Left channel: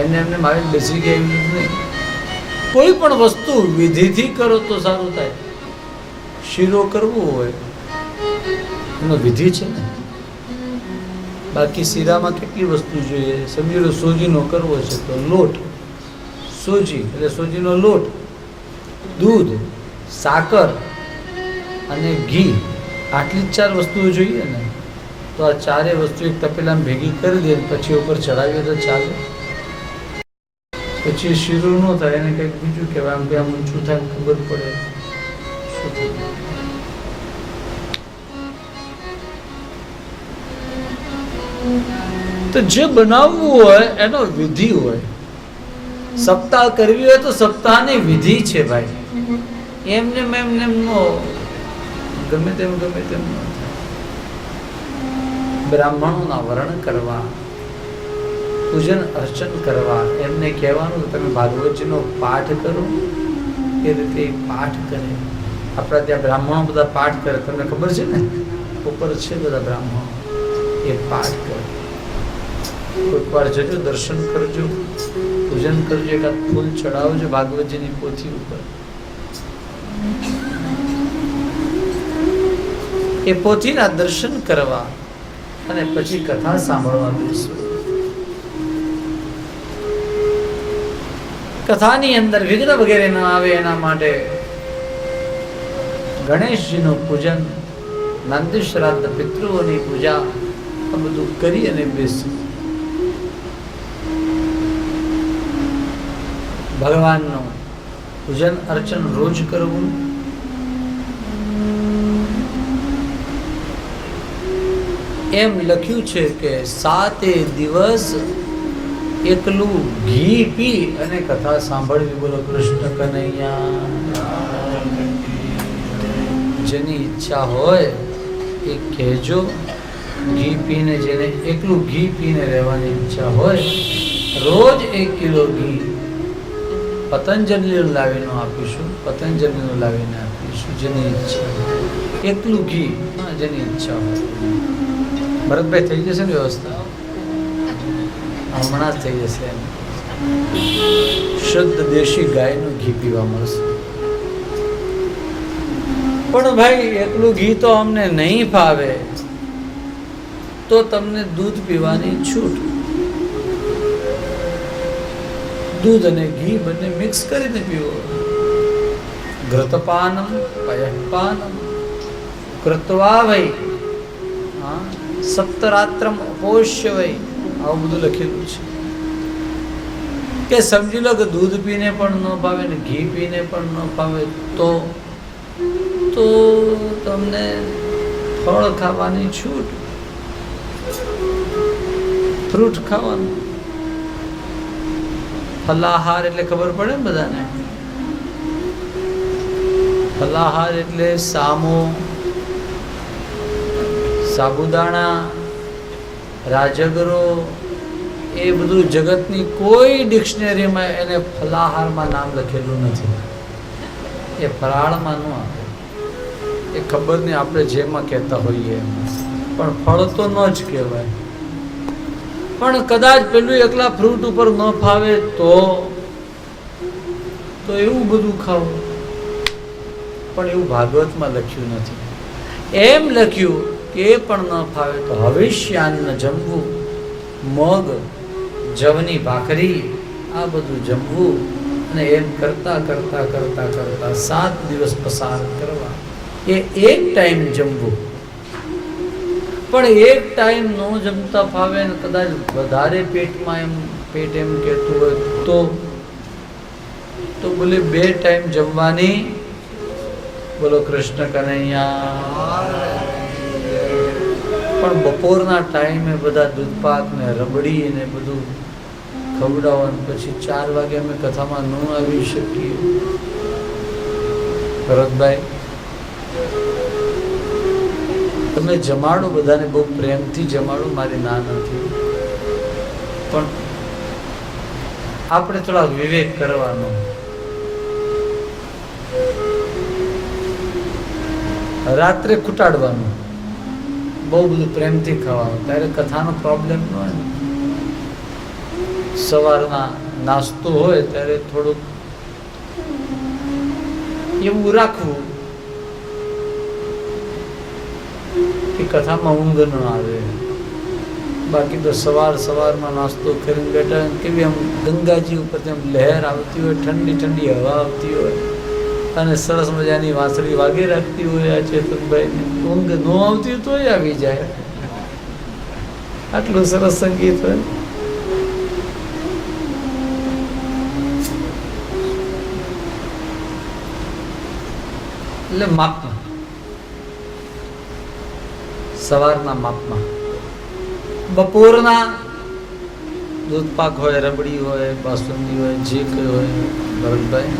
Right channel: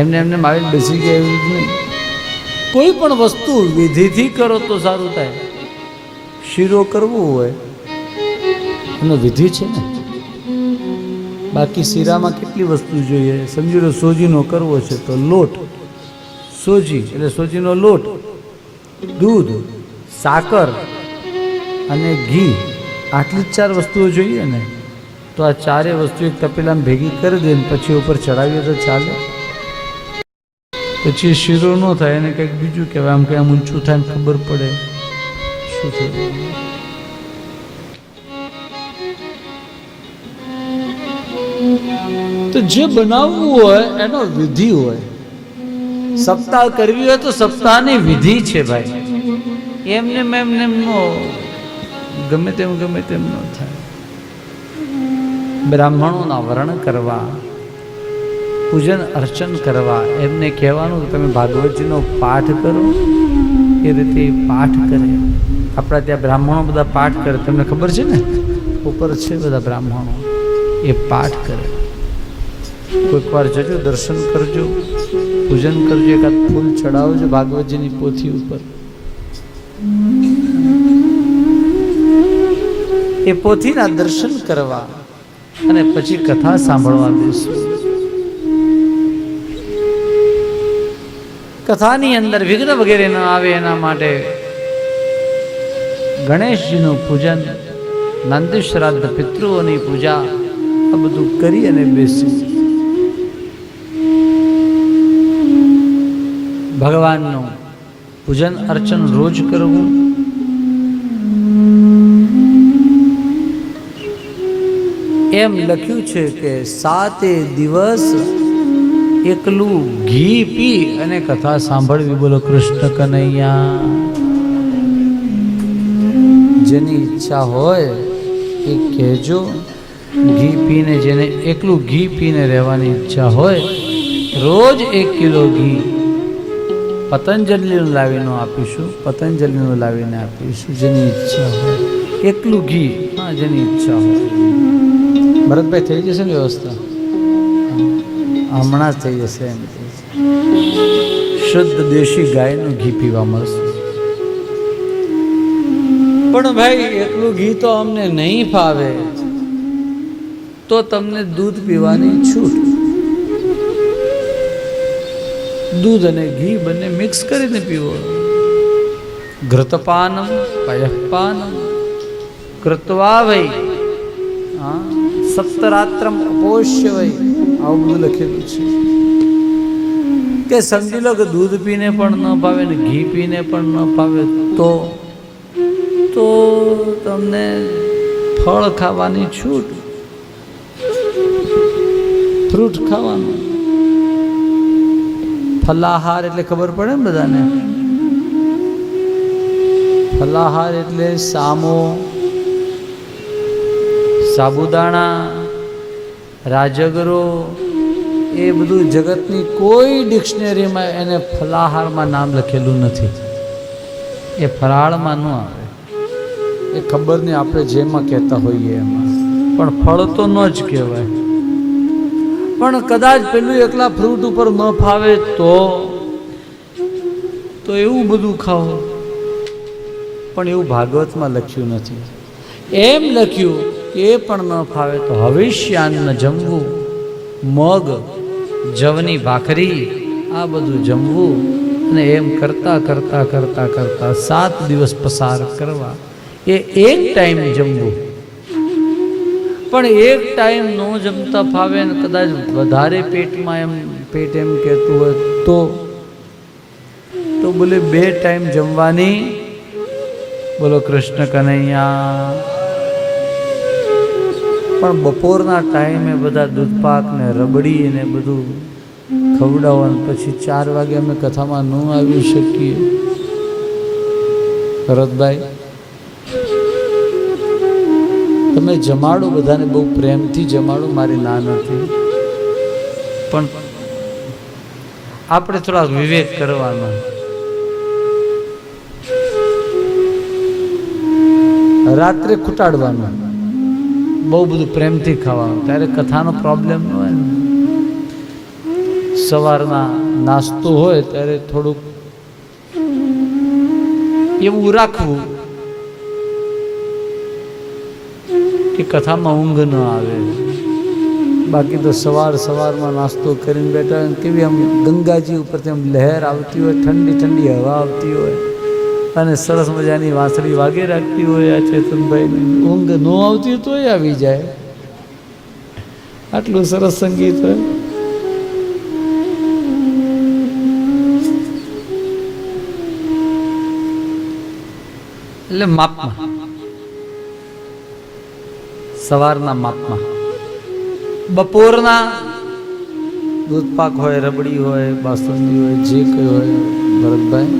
એમને એમને મારી બેસી ગયા એવું જ નહીં. કોઈ પણ વસ્તુ વિધિથી કરો તો સારું થાય. શીરો કરવો હોય એનો વિધિ છે ને. બાકી શીરામાં કેટલી વસ્તુ જોઈએ. સમજી લો સોજીનો કરવો છે તો લોટ, સોજી એટલે સોજીનો લોટ, દૂધ, સાકર અને ઘી, આટલી જ 4 વસ્તુઓ જોઈએ ને. તો આ 4 વસ્તુ એક તપેલામાં ભેગી કરી દે ને પછી ઉપર ચડાવીએ તો ચાલે. પછી શીરો ન થાય એને કંઈક બીજું કહેવાય. આમ કે આમ ઊંચું થાય ને ખબર પડે શું થયું. તો જે બનાવવું હોય એનો વિધિ હોય. સપ્તાહ કરવી હોય તો સપ્તાહની વિધિ છે ભાઈ. એમને ગમે તેમ ન થાય. બ્રાહ્મણોના વર્ણ કરવા, પૂજન અર્ચન કરવા, એમને કહેવાનું તમે ભાગવતજીનો પાઠ કરો. એ રીતે પાઠ કરે. આપણા ત્યાં બ્રાહ્મણો બધા પાઠ કરે, તમને ખબર છે ને. ઉપર છે બધા બ્રાહ્મણો, એ પાઠ કરે. કોઈક વાર જજો, દર્શન કરજો, પૂજન કરજો, એકાદ ફૂલ ચડાવજો ભાગવતજીની પોથી ઉપર. એ પોથીના દર્શન કરવા અને પછી કથા સાંભળવા બેસો. કથાની અંદર વિઘ્ન વગેરે ન આવે એના માટે ગણેશજીનું પૂજન, નંદી શ્રાદ્ધ, પિતૃઓની પૂજા આ બધું કરી અને બેસી ભગવાનનું પૂજન અર્ચન રોજ કરવું. એમ લખ્યું છે કે 7 દિવસ એકલું ઘી પી અને કથા સાંભળવી. બોલો કૃષ્ણ કનૈયા. જેની ઈચ્છા હોય એ કહેજો. ઘી પીને, જેને એકલું ઘી પીને રહેવાની ઈચ્છા હોય, રોજ 1 કિલો ઘી પતંજલિનું લાવીને આપીશું. પતંજલિનું લાવીને આપીશું જેની ઈચ્છા હોય. એકલું ઘી, હા, જેની ઈચ્છા હોય. ભરતભાઈ થઈ જશે ને વ્યવસ્થા? હમણાં જ થઈ જશે. એમ શુદ્ધ દેશી ગાયનું ઘી પીવા મળશે. પણ ભાઈ એટલું ઘી તો અમને નહીં ફાવે, તો તમને દૂધ પીવાની છૂટ. દૂધ અને ઘી બંને મિક્સ કરીને પીવો. ઘૃતપાનમ પયઃપાનમ કૃત્વા વૈ સપ્તરાત્રમ અપોષ્ય વૈ. આવું બધું લખેલું છે કે સમજી લો કે દૂધ પીને પણ ન ભાવે ને ઘી પીને પણ ન ભાવે તો તમને ફળ ખાવાની છૂટ. ફ્રૂટ ખાવાનું. ફલાહાર એટલે ખબર પડે ને બધાને. ફલાહાર એટલે સામો, સાબુદાણા, રાજગરો, એ બધું જગતની કોઈ ડિક્શનરીમાં એને ફલાહારમાં નામ લખેલું નથી. એ ફરાળમાં ન આવે. એ ખબર નહીં આપણે જેમાં કહેતા હોઈએ એમાં, પણ ફળ તો ન જ કહેવાય. પણ કદાચ પેલું એકલા ફ્રૂટ ઉપર ન ફાવે તો એવું બધું ખાવું. પણ એવું ભાગવતમાં લખ્યું નથી. એમ લખ્યું કે એ પણ ન ફાવે તો હવિષ્યાન્ન જમવું, મગ, જવની ભાખરી, આ બધું જમવું. અને એમ કરતાં કરતાં કરતાં કરતાં 7 દિવસ પસાર કરવા. એ એક ટાઈમ જમવું. પણ એક ટાઈમ ન જમતા ફાવે ને કદાચ વધારે પેટમાં પેટ એમ કહેતું હોય તો બોલે 2 ટાઈમ જમવાની. બોલો કૃષ્ણ કનૈયા. પણ બપોરના ટાઈમે બધા દૂધપાક ને રબડી ને બધું ખવડાવવાનું. પછી 4 વાગે અમે કથામાં ન આવી શકીએ. ભરતભાઈ તમે જમાડો, બધાને બહુ પ્રેમથી જમાડો, મારી ના નથી. પણ આપણે થોડા વિવેક કરવાનો. રાત્રે ખૂટાડવાનું, બહુ બધું પ્રેમથી ખાવાનું, ત્યારે કથાનો પ્રોબ્લેમ ન હોય ને. સવારમાં નાસ્તો હોય ત્યારે થોડુંક એવું રાખવું કે કથામાં ઊંઘ ન આવે. બાકી તો સવારમાં નાસ્તો કરીને બેઠા કેવી આમ ગંગાજી ઉપરથી આમ લહેર આવતી હોય, ઠંડી ઠંડી હવા આવતી હોય અને સરસ મજાની વાંસળી વાગી રાખતી હોય. આ ચેતનભાઈની ઊંઘ ન આવતી હોય તોય આવી જાય, આટલું સરસ સંગીત હોય. એટલે માપમાં, સવારના માપમાં. બપોરના દૂધપાક હોય, રબડી હોય, બાસુંદી હોય, જે કંઈ હોય, ભરતભાઈ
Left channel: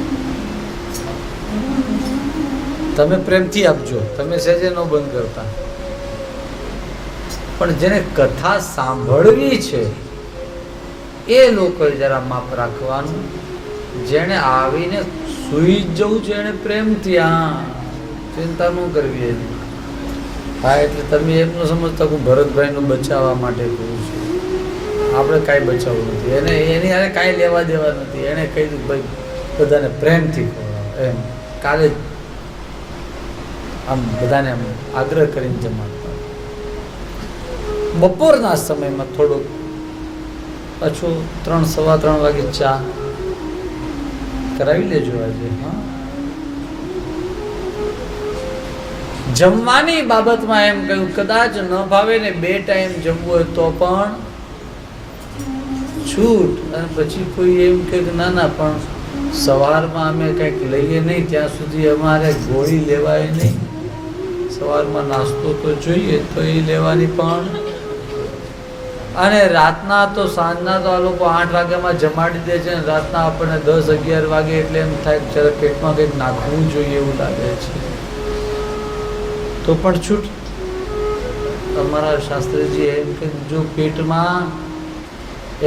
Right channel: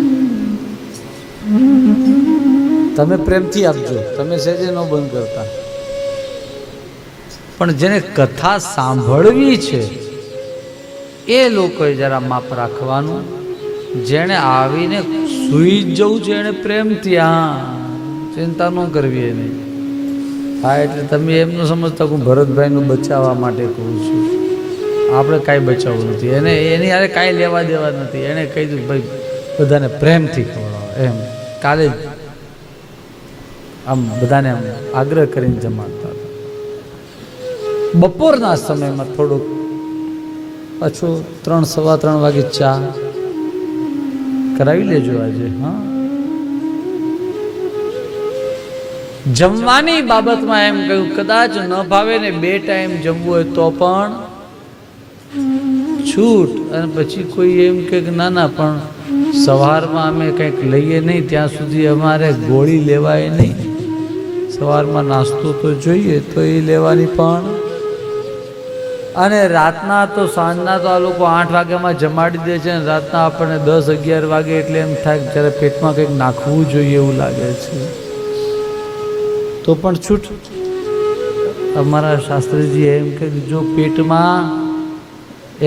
તમે પ્રેમથી આપજો, તમે સહેજે ન બંધ કરતા. પણ જેને કથા સાંભળવી છે એ લોકોએ જરા માપ રાખવાનું. જેણે આવીને સૂઈ જ જવું છે એને પ્રેમથી, હા, ચિંતા ન કરવી એને. હા, એટલે તમે એમ ન સમજતા કે હું ભરતભાઈનું બચાવવા માટે કહું છું. આપણે કાંઈ બચાવવું નથી એને, એની હારે કાંઈ લેવા દેવા નથી. એણે કહી દીધું ભાઈ બધાને પ્રેમથી કહો એમ. કાલે આમ બધાને આમ આગ્રહ કરીને જમાડતા. બપોરના સમયમાં થોડુંક પાછું 3-3:15 વાગે ચા કરાવી લેજો આજે. હા, જમવાની બાબતમાં એમ કહ્યું કદાચ ન ભાવે ને 2 ટાઈમ જમવું હોય તો પણ છૂટ. અને પછી કોઈ એમ કે ના ના પણ સવારમાં અમે કંઈક લઈએ નહીં ત્યાં સુધી અમારે ગોળી લેવાય નહીં. સવારમાં નાસ્તો તો જોઈએ તો એ લેવાની પણ. અને રાતના તો સાંજના તો આ લોકો 8 વાગ્યામાં જમાડી દે છે ને રાતના આપણને 10-11 વાગે એટલે એમ થાય જ્યારે પેટમાં કંઈક નાખવું જોઈએ એવું લાગે છે તો પણ છૂટ. અમારા શાસ્ત્રીજી એમ કે જો પેટમાં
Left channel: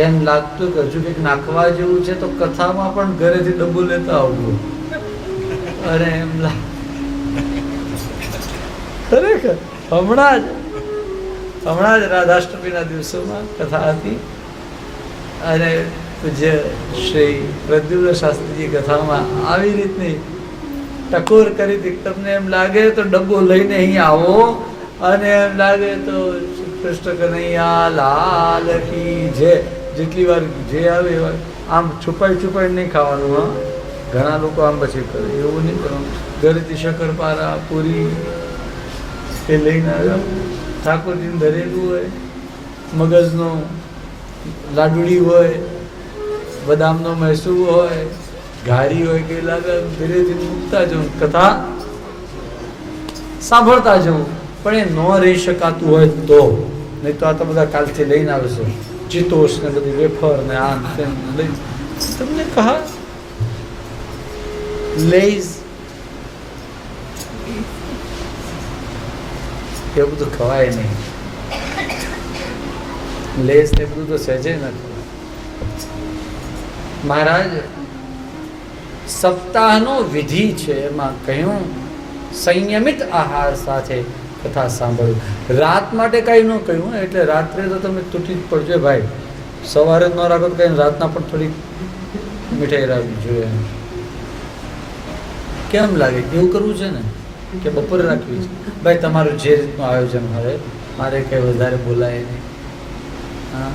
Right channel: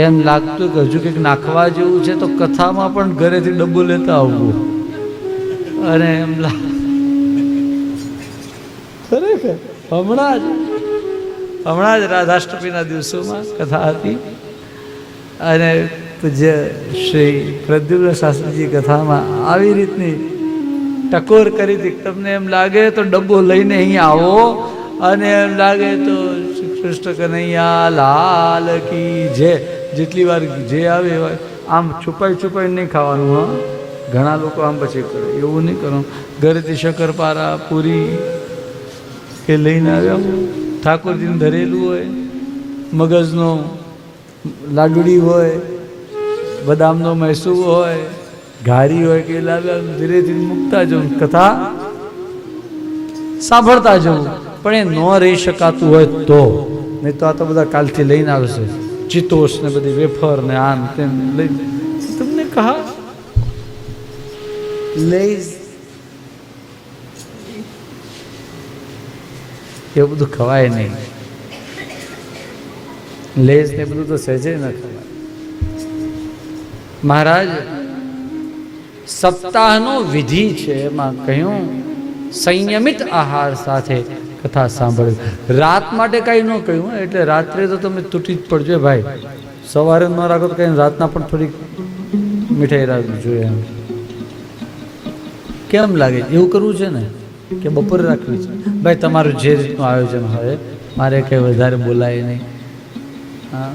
એમ લાગતું કે હજુ કંઈક નાખવા જેવું છે તો કથામાં પણ ઘરેથી ડબ્બો લેતા આવવું. અને એમ ખરેખર હમણાં જ રાધાષ્ટમીના દિવસોમાં કથા હતી અને પૂજ્ય શ્રી પ્રદ્યુમ્ન શાસ્ત્રીજી કથામાં આવી રીતની ટકોર કરી હતી. તમને એમ લાગે તો ડબ્બો લઈને અહીંયા આવો અને એમ લાગે તો શ્રી કૃષ્ણ કનૈયા લાલ કી જે જેટલી વાર જે આવે એવા આમ છુપાઈ નહીં ખાવાનું. હા, ઘણા લોકો આમ પછી કરે એવું નહીં કરવું. ઘરેથી શક્કરપારા પૂરી એ લઈને આવ્યો, ઠાકોરજીને ધરેલું હોય, મગજનો લાડુડી હોય, બદામનો મૈસૂર હોય, ઘારી હોય કે લાવ્યા ધીરેથી મૂકતા જવું, કથા સાંભળતા જવું. પણ એ ન રહી શકાતું હોય તો, નહીં તો આ તો બધા કાલથી લઈને આવશે ચિતોસ ને બધી વેફર ને આમ તેમ લઈ. તમને કહા લેઝ એવું બધું ખવાય નહીં. લેઝ ને બધું તો સહેજે નથી. મહારાજ સપ્તાહનો વિધિ છે એમાં કહ્યું સંયમિત આહાર સાથે કથા સાંભળવી. રાત માટે કંઈ ન કહ્યું, એટલે રાત્રે તો તમે તૂટી જ પડજો ભાઈ. સવારે જ ન રાખો તો કંઈ રાતના પણ થોડીક મીઠાઈ રાખવી જોઈએ. કેમ લાગે એવું કરવું છે ને કે બપોરે રાખવી છે? ભાઈ તમારું જે રીતનું આયોજન હોય, મારે કંઈ વધારે બોલાય નહીં. હા,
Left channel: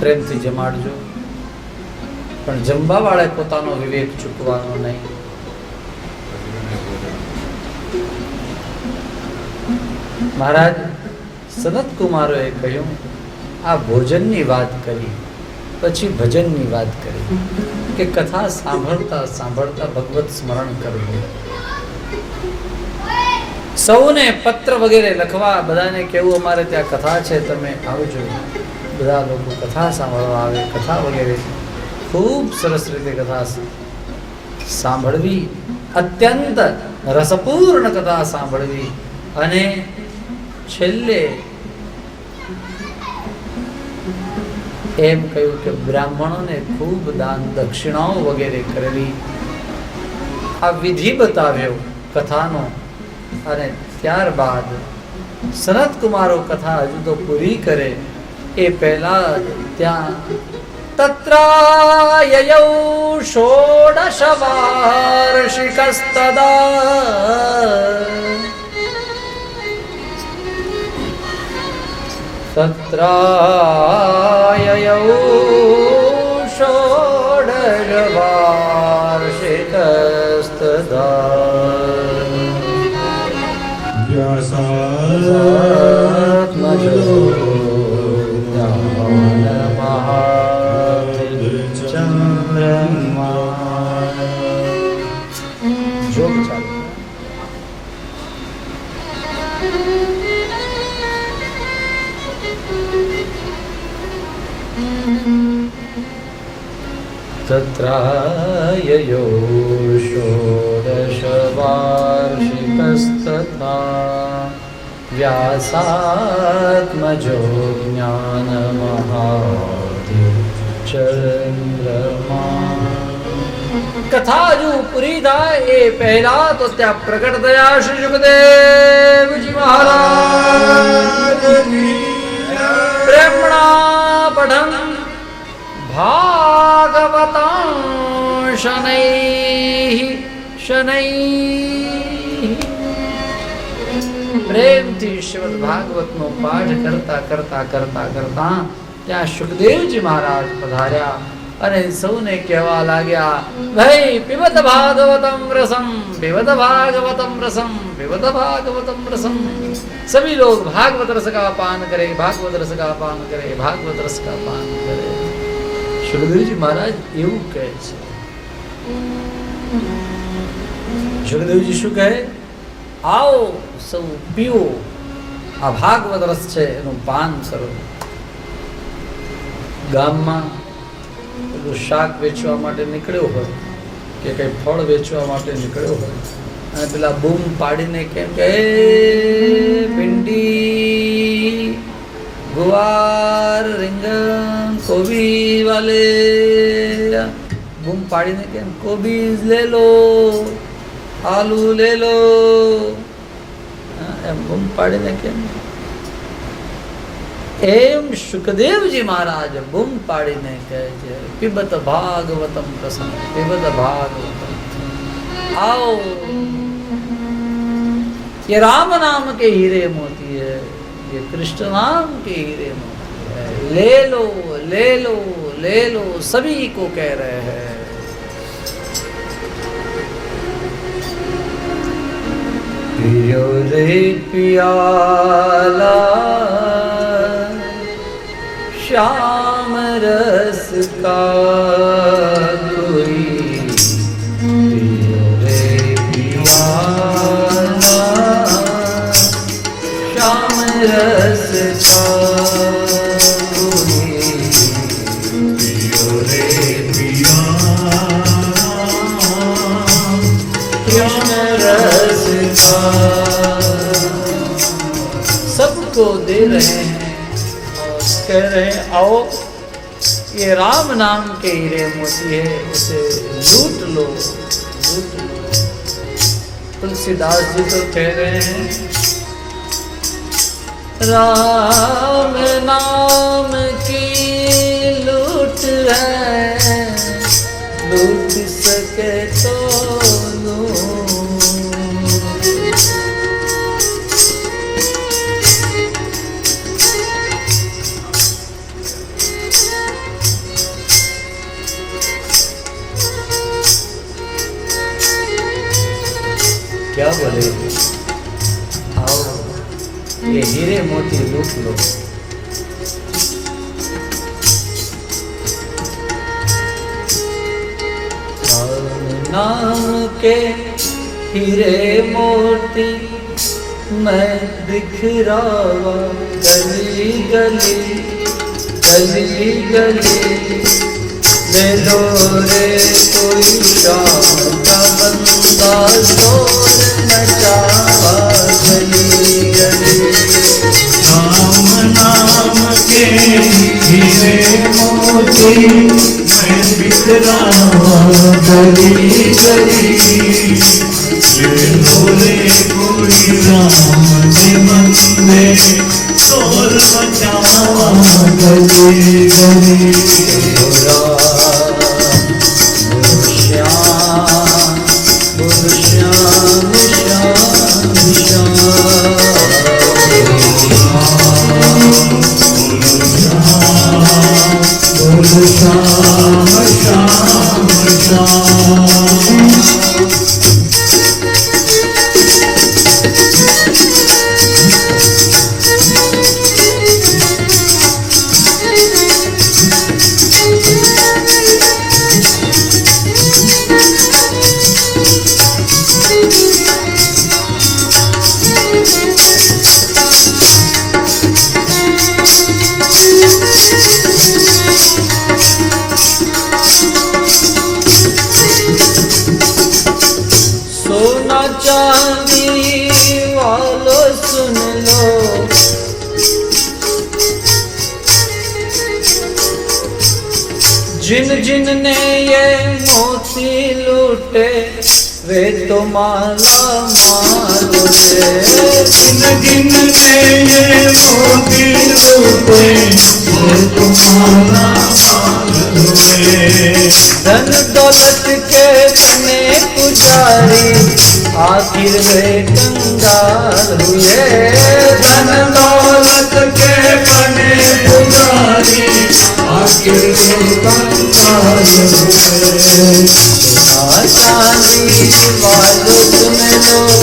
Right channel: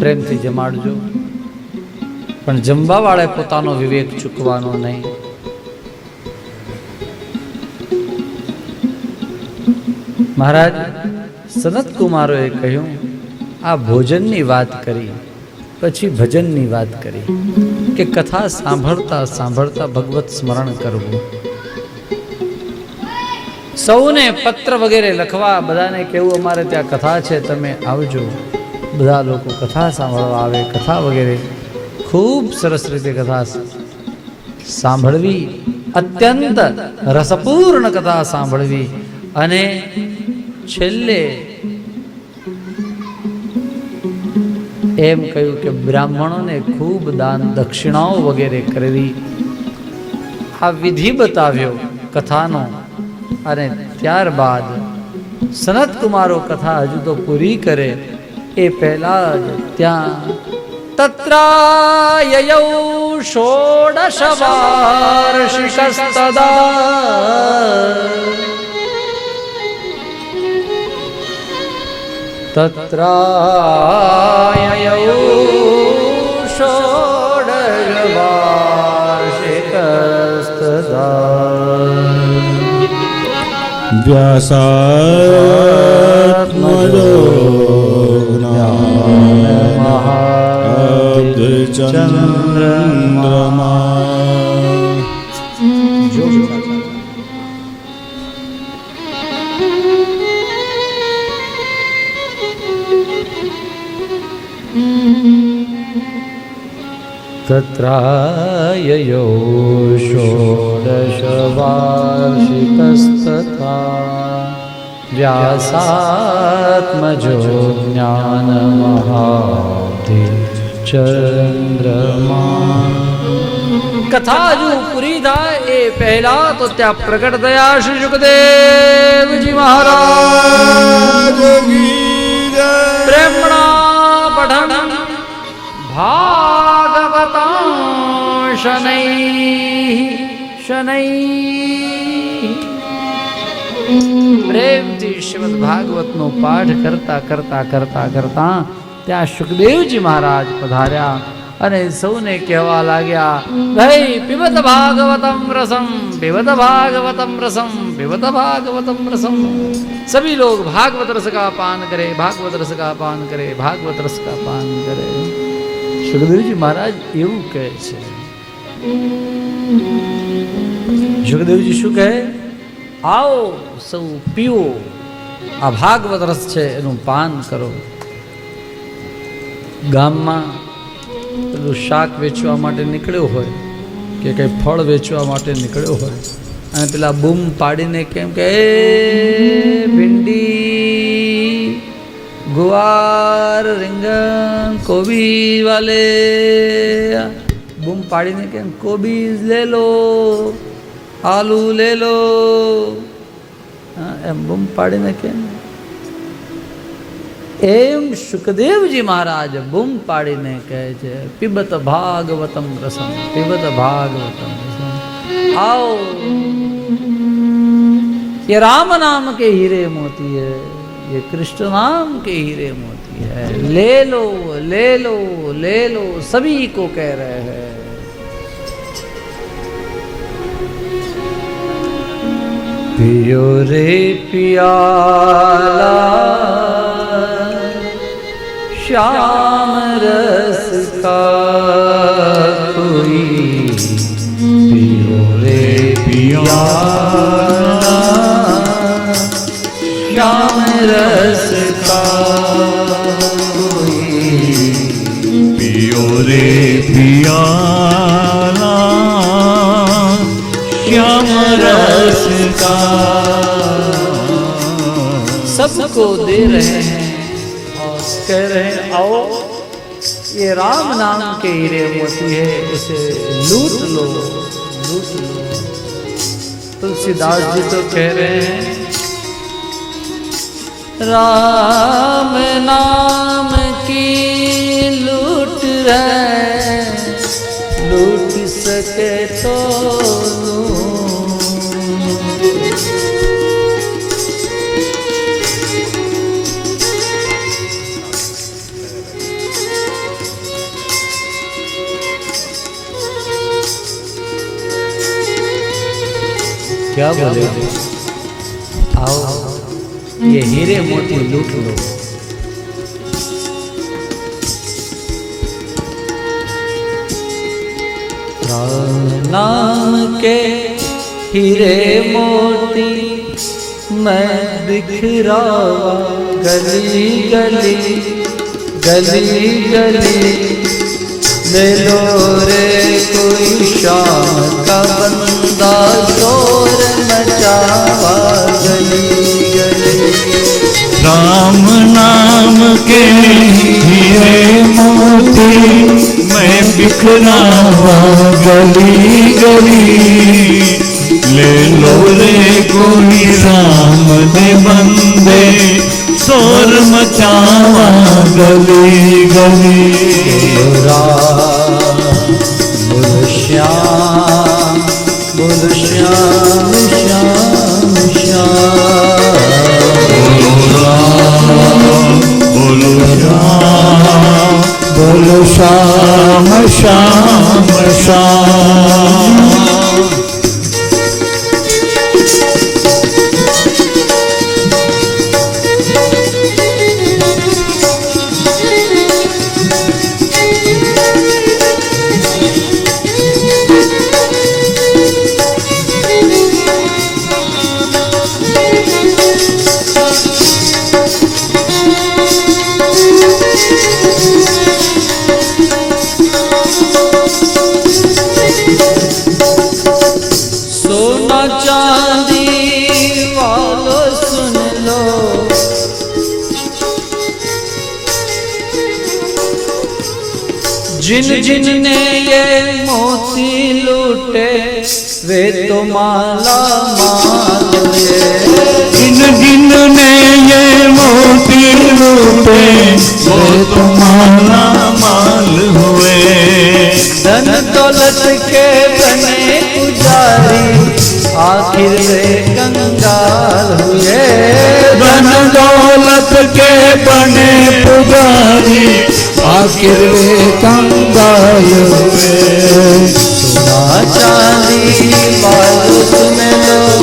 પ્રેમથી જમાડજો, પણ જમવાવાળે પોતાનો વિવેક ચૂકવાનો નહીં. મહારાજ સનત કુમારોએ કહ્યું આ ભોજનની વાત કરી પછી ભજનની વાત કરી કે કથા સાંભળતા સાંભળતા ભગવત સ્મરણ કરવું. સૌને પત્ર વગેરે લખવા, બધાને કહેવું અમારે ત્યાં કથા છે તમે આવજો. બધા લોકો કથા સાંભળવા આવે, કથા વગેરે ખૂબ સરસ રીતે કથા સાંભળવી, અત્યંત રસપૂર્ણ કથા સાંભળવી. અને છેલ્લે એમ કહ્યું કે બ્રાહ્મણોને ખૂબ દાન દક્ષિણાઓ વગેરે કરવી. આ વિધિ બતાવ્યો કથાનો. અને ત્યારબાદ સનત કુમારો કથા હજુ તો પૂરી કરે એ પહેલા જ ત્યાં તત્રાયયૌ ષોડશ વાર્ષિકસ્તદા તત્રાયયૌ ષોડશ વાર્ષિકસ્તદા વ્યાસાત્મજો ચંદ્રમા જો તત્રાયયો ષોડશ વાર્ષિકસ્તથા વ્યાસાત્મજો જ્ઞાનમહાબ્ધિ ચંદ્રમા. કથા હજુ પૂરી થાય એ પહેલા તો ત્યાં પ્રગટ થયા શ્રી સુખદેવજી મહારાજ. પ્રેમણા પઠન ભાગવતં શનૈઃ શનૈઃ. પ્રેમથી શ્રીમદ ભાગવતનો પાઠ કરતા કરતા કરતા કરતા ત્યાં સુખદેવજી મહારાજ પધાર્યા અને સૌને કહેવા લાગ્યા, ભાઈ પીબત ભાગવતમ રસમ, પીબત ભાગવતમ રસમ, પીબત ભાગવતમ રસમ. सभी लोग भागवत रस का पान करे, भागवत रस का पान करे, भागवत रस का पान करे. સુખદેવજી મહારાજ એવું કહે છે. સુખદેવજી શું કહે? આવો સૌ પીવો, આ ભાગવત રસ છે એનું પાન કરો. ગામમાં પેલું શાક વેચવા માટે નીકળ્યો હોય કે કંઈ ફળ વેચવા માટે નીકળ્યો હોય અને પેલા બૂમ પાડીને કેમ કે ભીંડી, ગુવાર, રીંગણ, કોબી વાલે, બૂમ પાડીને કેમ કોબીજ લે લો, આલુ લે લો, એમ બૂમ પાડીને કેમ. એમ સુખદેવજી મહારાજ બૂમ પાડીને કહે છે, પીબત ભાગવતમ રસમ, પીબત ભાગવતમ રસમ. आओ, ये राम नाम के हीरे मोती है, ये कृष्ण नाम के हीरे मोती है, ले लो ले लो ले लो, सभी को कह रहे हैं. पियो रे पियाला श्याम रस का कोई, पियो रे पियाला श्याम रस का कोई, पियो रे पियाला श्याम रस सबको दे रहे हैं और कह रहे हैं आओ, ये राम नाम के हीरे मोती है, इसे लूट लो लूट लो. तुलसीदास जी तो कह रहे हैं, राम नाम की लूट है, लूट सके तो क्या बोले, आओ ये हीरे मोती लूट लो. नाम के हीरे मोती मैं बिखरा गली गली गली गली, ले लो रे कोई शाम का बंदा, शोर मचा गली गली. राम नाम के हीरे मोती मैं बिखरा गली गली, ले लो रे कोई राम दे बंदे, शोर मचा गली गली बोलो श्याम बोलो श्याम श्याम श्याम बोलो श्याम श्याम श्याम सोना चांदी वालों सुन लो, जिन जिन ने ये मोती लूटे वे तो माला माल हुए। जिन जिन ने ये मोती लूटे वो तो माला माल हुए। धन दौलत के बने पुजारी आखिर वे कंगाल हुए। धन दौलत के बने पुजारी आखिर वे कंगाल हुए। सोना चांदी वालों सुन लो,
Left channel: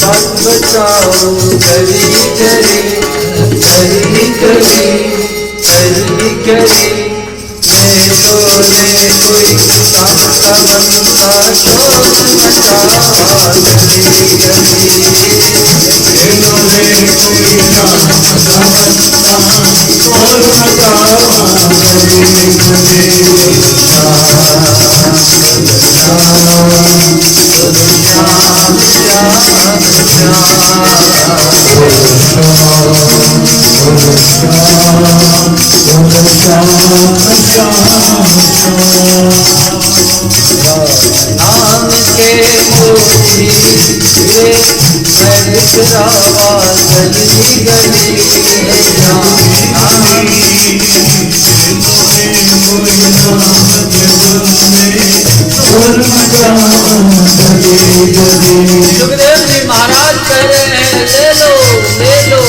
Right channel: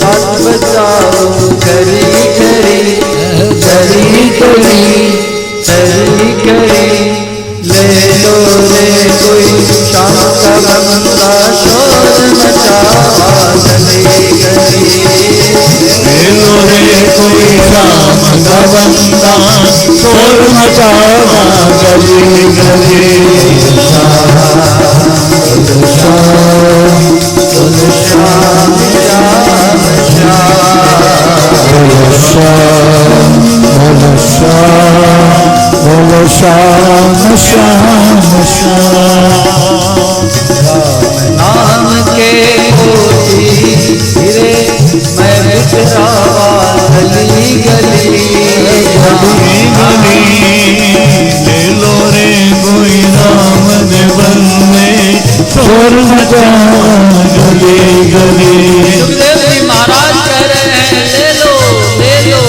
बात बचाओ करी करी करी करी करी करी। ले लो रे कोई काम का बंदा शोर मचा गली गली। ले लो रे कोई काम का बंदा शोर मचा गली गली। नाम के मोती गिरे मैं बिखरा गली गली। सुखदेव जी महाराज कह रहे हैं ले लो ले लो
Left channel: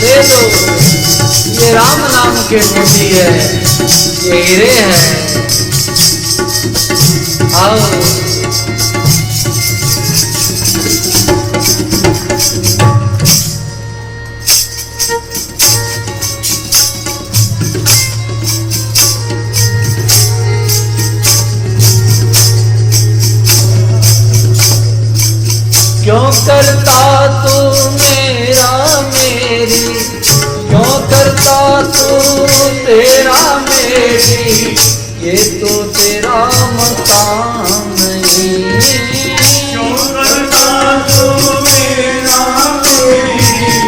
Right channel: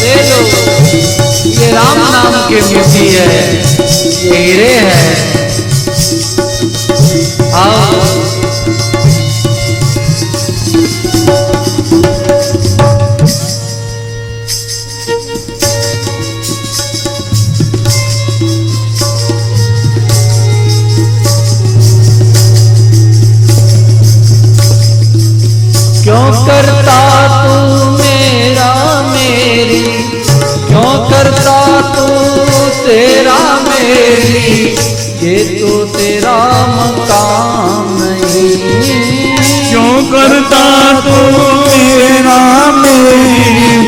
ले लो, ये राम नाम की मोती है, ये हीरे हैं। आओ क्यों करता तू मेरा मेरी, क्यों करता तू तेरा मेरी, ये तो तेरा मकाम नहीं। क्यों करता तू मेरा मेरी,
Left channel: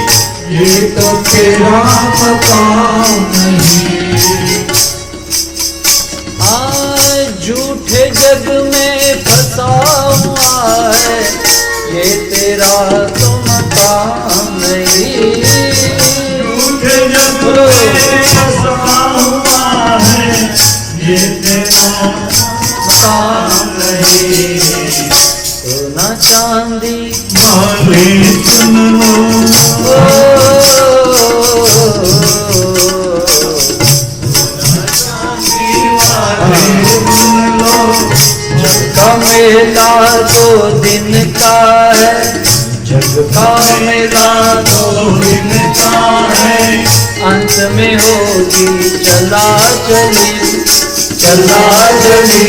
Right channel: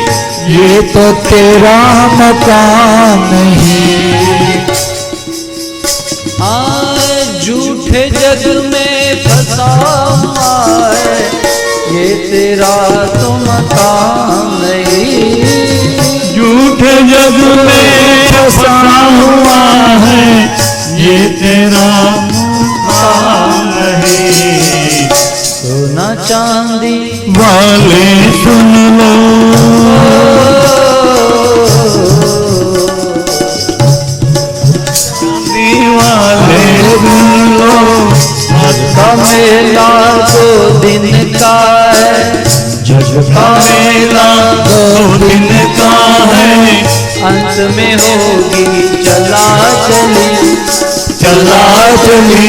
ये तो तेरा मकान नहीं। झूठे जग में फंसा हुआ है, ये तेरा तो मकाम नहीं। झूठे जग में फंसा हुआ है, ये तेरा मकान नहीं। सोना चांदी वाले सुन लो, वाले सुन लो। जग का मेला 2 दिन का है, जग का मेला 2 दिन का है, अंत में होगी चला चली चला चली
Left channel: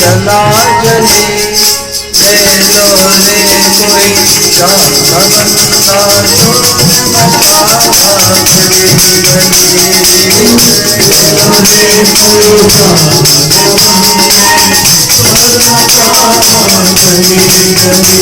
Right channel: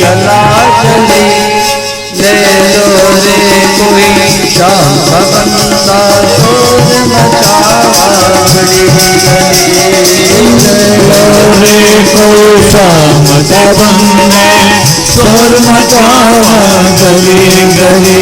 चला चली। ले लो रे कोई शाम का बंदा शोर मचा गली गली। रे को शाम का बंदे शोर मचा गली गली।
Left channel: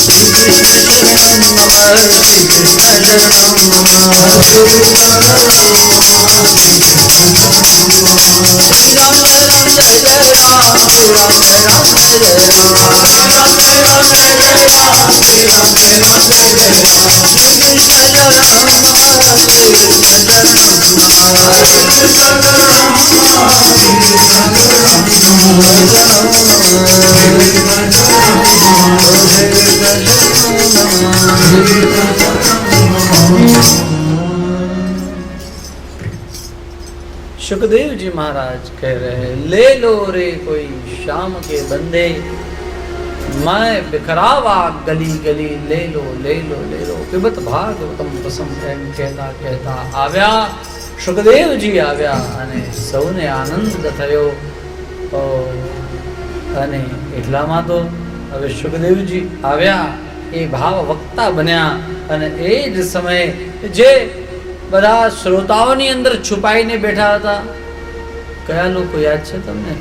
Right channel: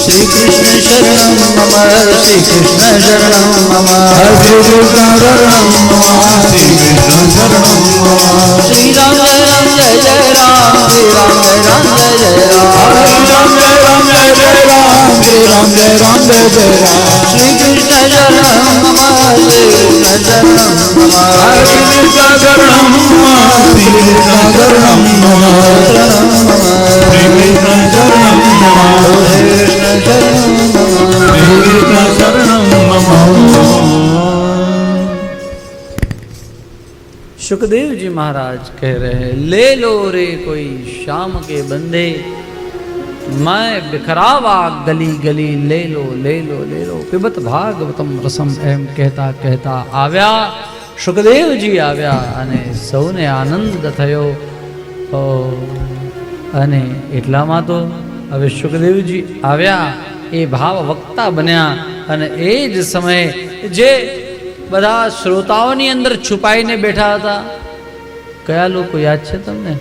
श्री कृष्ण शरणं मम, श्री कृष्ण शरणं मम। सुखदेव जी महाराज कह रहे हैं, ले लो रे कोई शाम के बंदे, मैं बिखरावा गली गली, ले लो ले लो ले लो। पिबत भागवतम रसम एम कहता कहता આવ્યા સુખદેવજી આવ્યા અને સૌને આનંદ થયો। અને એટલામાં તો હવે સુખદેવજી આવ્યા, એ ભાવ વક્તા બન્યા અને એ જ સમયે જે બધા શ્રોતાઓની અંદર છુપાઈને બેઠા હતા, કયા લોકો યાદ છે તમને?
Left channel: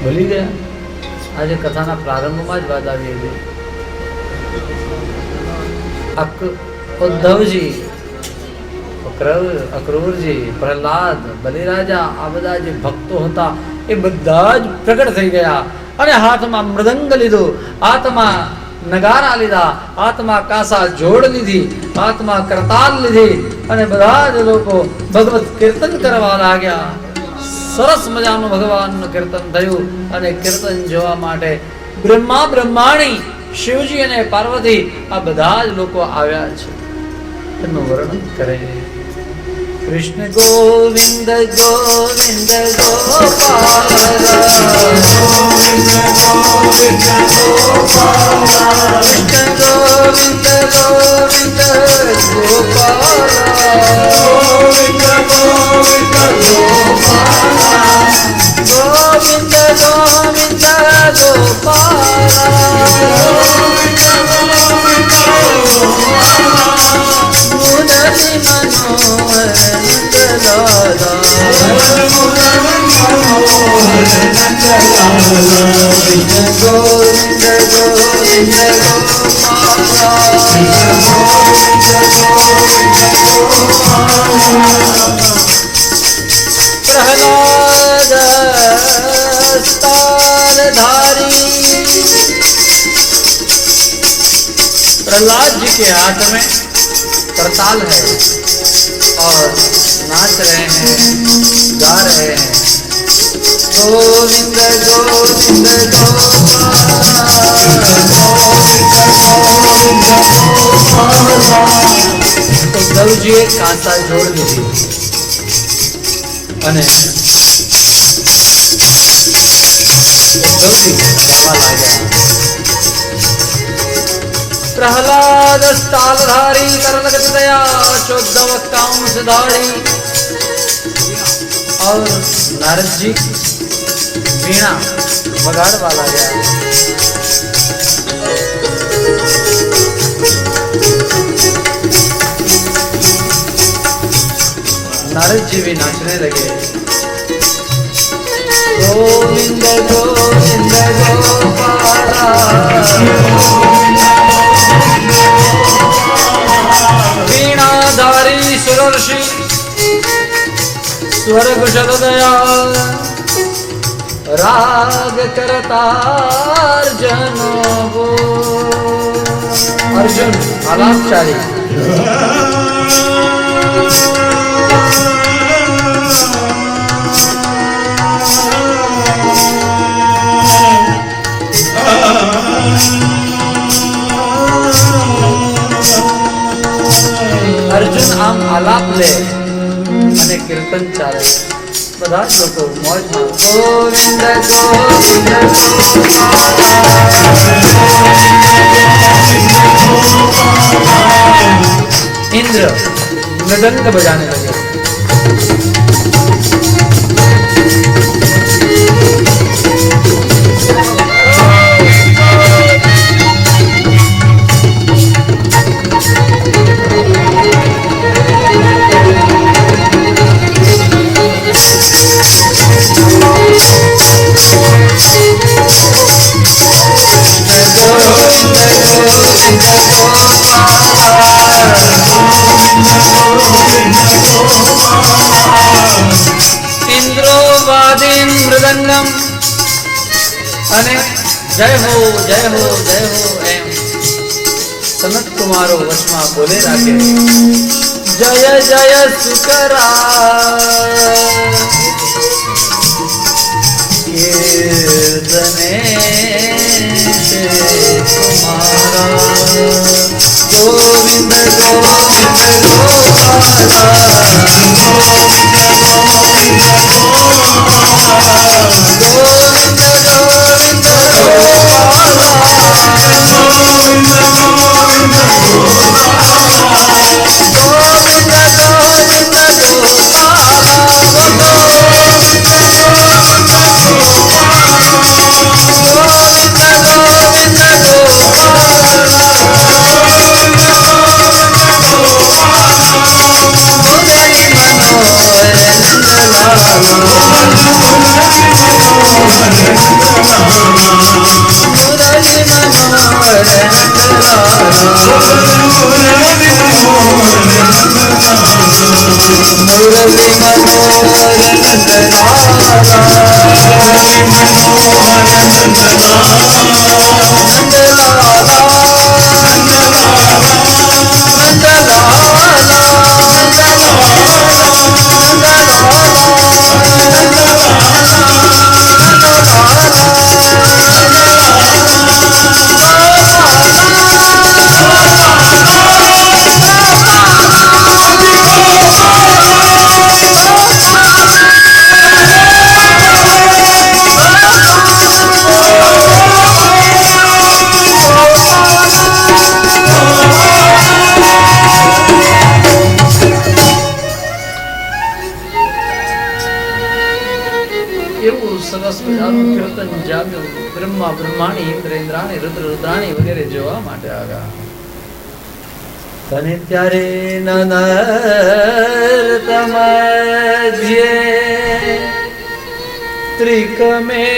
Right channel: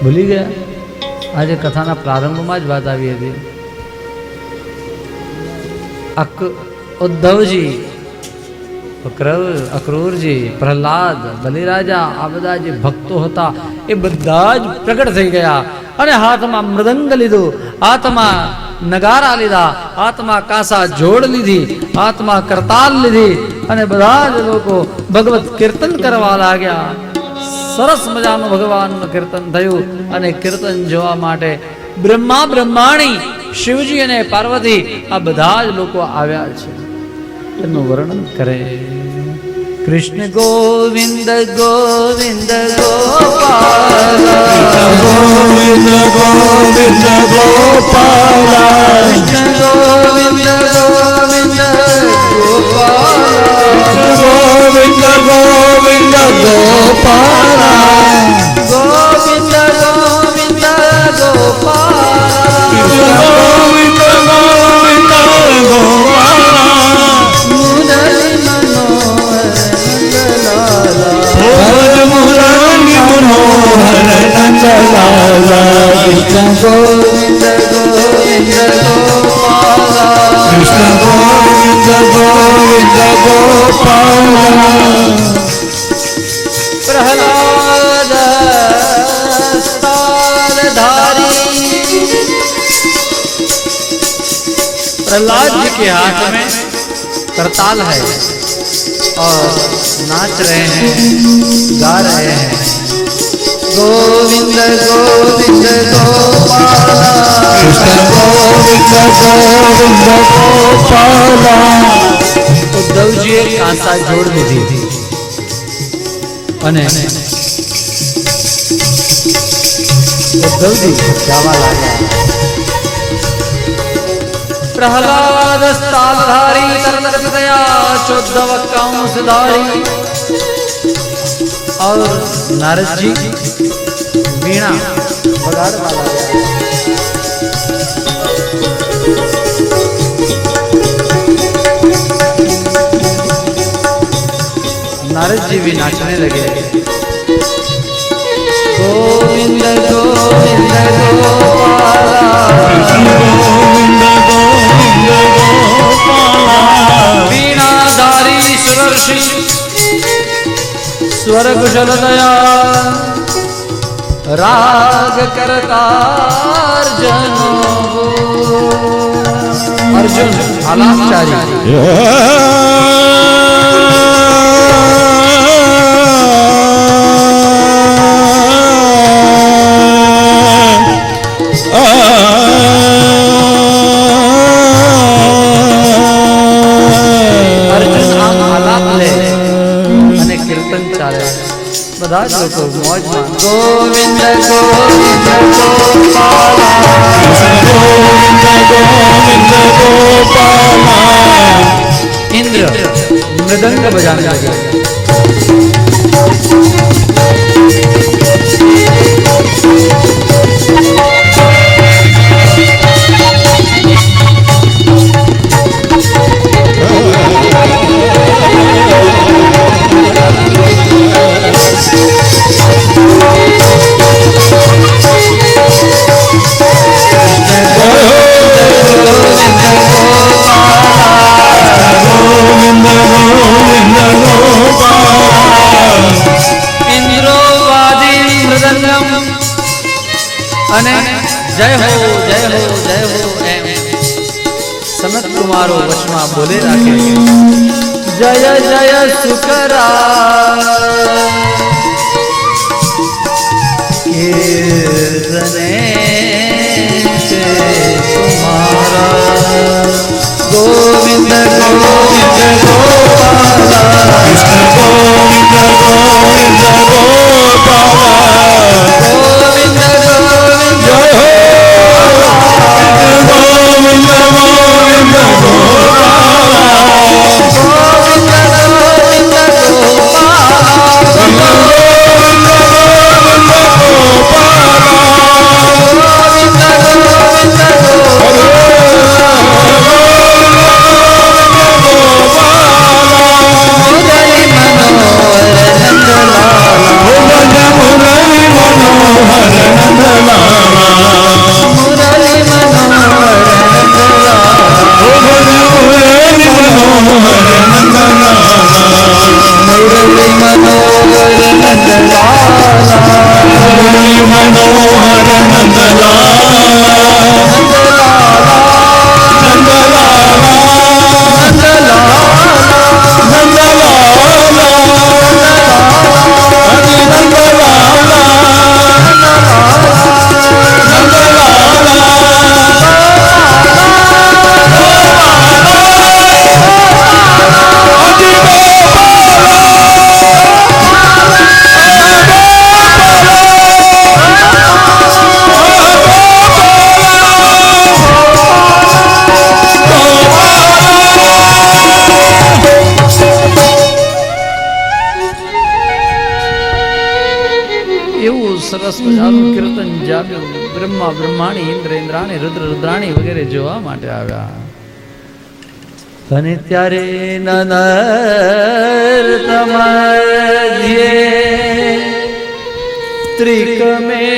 ભૂલી ગયા? આજે કથાના પ્રારંભમાં જ વાત આવી હતી। ઉદ્ધવજી, અક્રૂરજી, પ્રહલાદ, બલિરાજા, આ બધા જે ભક્તો હતા એ બધા જ પ્રગટ થઈ ગયા અને હાથમાં મૃદંગ લીધો, હાથમાં નગારા લીધા, હાથમાં કાંસા જોડ લીધી, હાથમાં કરતાલ લીધી અને બધા જ લોકો ભગવત કીર્તન કરવા लाग्યા। સરસ મજાનું ભગવાનનું કીર્તન થયું અને કીર્તન જોવા માટે બ્રહ્મા બ્રહ્માણી, શિવજી અને પાર્વતી આ બધા જ લોકો આવ્યા છે। એનું વર્ણન કરે, કૃષ્ણ ગોવિંદ ગોવિંદ ગોપાલ, ગોવિંદ ગોવિંદ ગોપાલ, કૃષ્ણ ગોવિંદ ગોવિંદ ગોપાલ, ગોવિંદ ગોવિંદ ગોપાલ, ગોવિંદ ગોવિંદ ગોપાલ, ગોવિંદ ગોવિંદ ગોપાલ, મુરલી મનોહર નંદલાલા, મુરલી મનોહર નંદલાલા, કૃષ્ણ ગોવિંદ ગોવિંદ ગોપાલ, કૃષ્ણ ગોવિંદ ગોવિંદ ગોપાલ, प्रहलाद स्तनधारी। प्रहलाद जी के हाथ में करताल है और नाच रहे हैं, गा रहे हैं, गोविंद गोविंद गोपाल, ઉદ્ધવજીએ કાંસા જોડ લીધી અને ઉદ્ધવજી ગાવા લાગ્યા, પ્રહલાદ સ્થાલધારી તરલગત દયા ચોદ્ધવ કાંસધારી। और नारद जी वीणा बगाड़वा लगा। नारद जी भी नाचने लगे, गोविंद गोविंद गोपाला, वीणाधारी सुरर्षि स्वर कुशल दया, राग करतार्जन वो। अर्जुन अनाचारी कीर्तन चाले, બધા જ લોકો મોજમાં ગોવિંદ ગોવિંદ ગોપાલ। इंद्र मृदंग बजाने लगे, जय हो जय हो जय हो एम सनत कुमारो वशमा बोले राखे, जय जय सुकरा कीर्तने से तुम्हारा, गोविंद गोविंद गोपाला, એવું સરસ મજાનું કીર્તન જામ્યું. બ્રહ્મા બ્રહ્માણી, ઇન્દ્ર ઇન્દ્રાણી, રુદ્ર રુદ્રાણી વગેરે જોવા માટે આવ્યા. અને ત્યારે નનર્તમધ્યે ત્રિકમેવ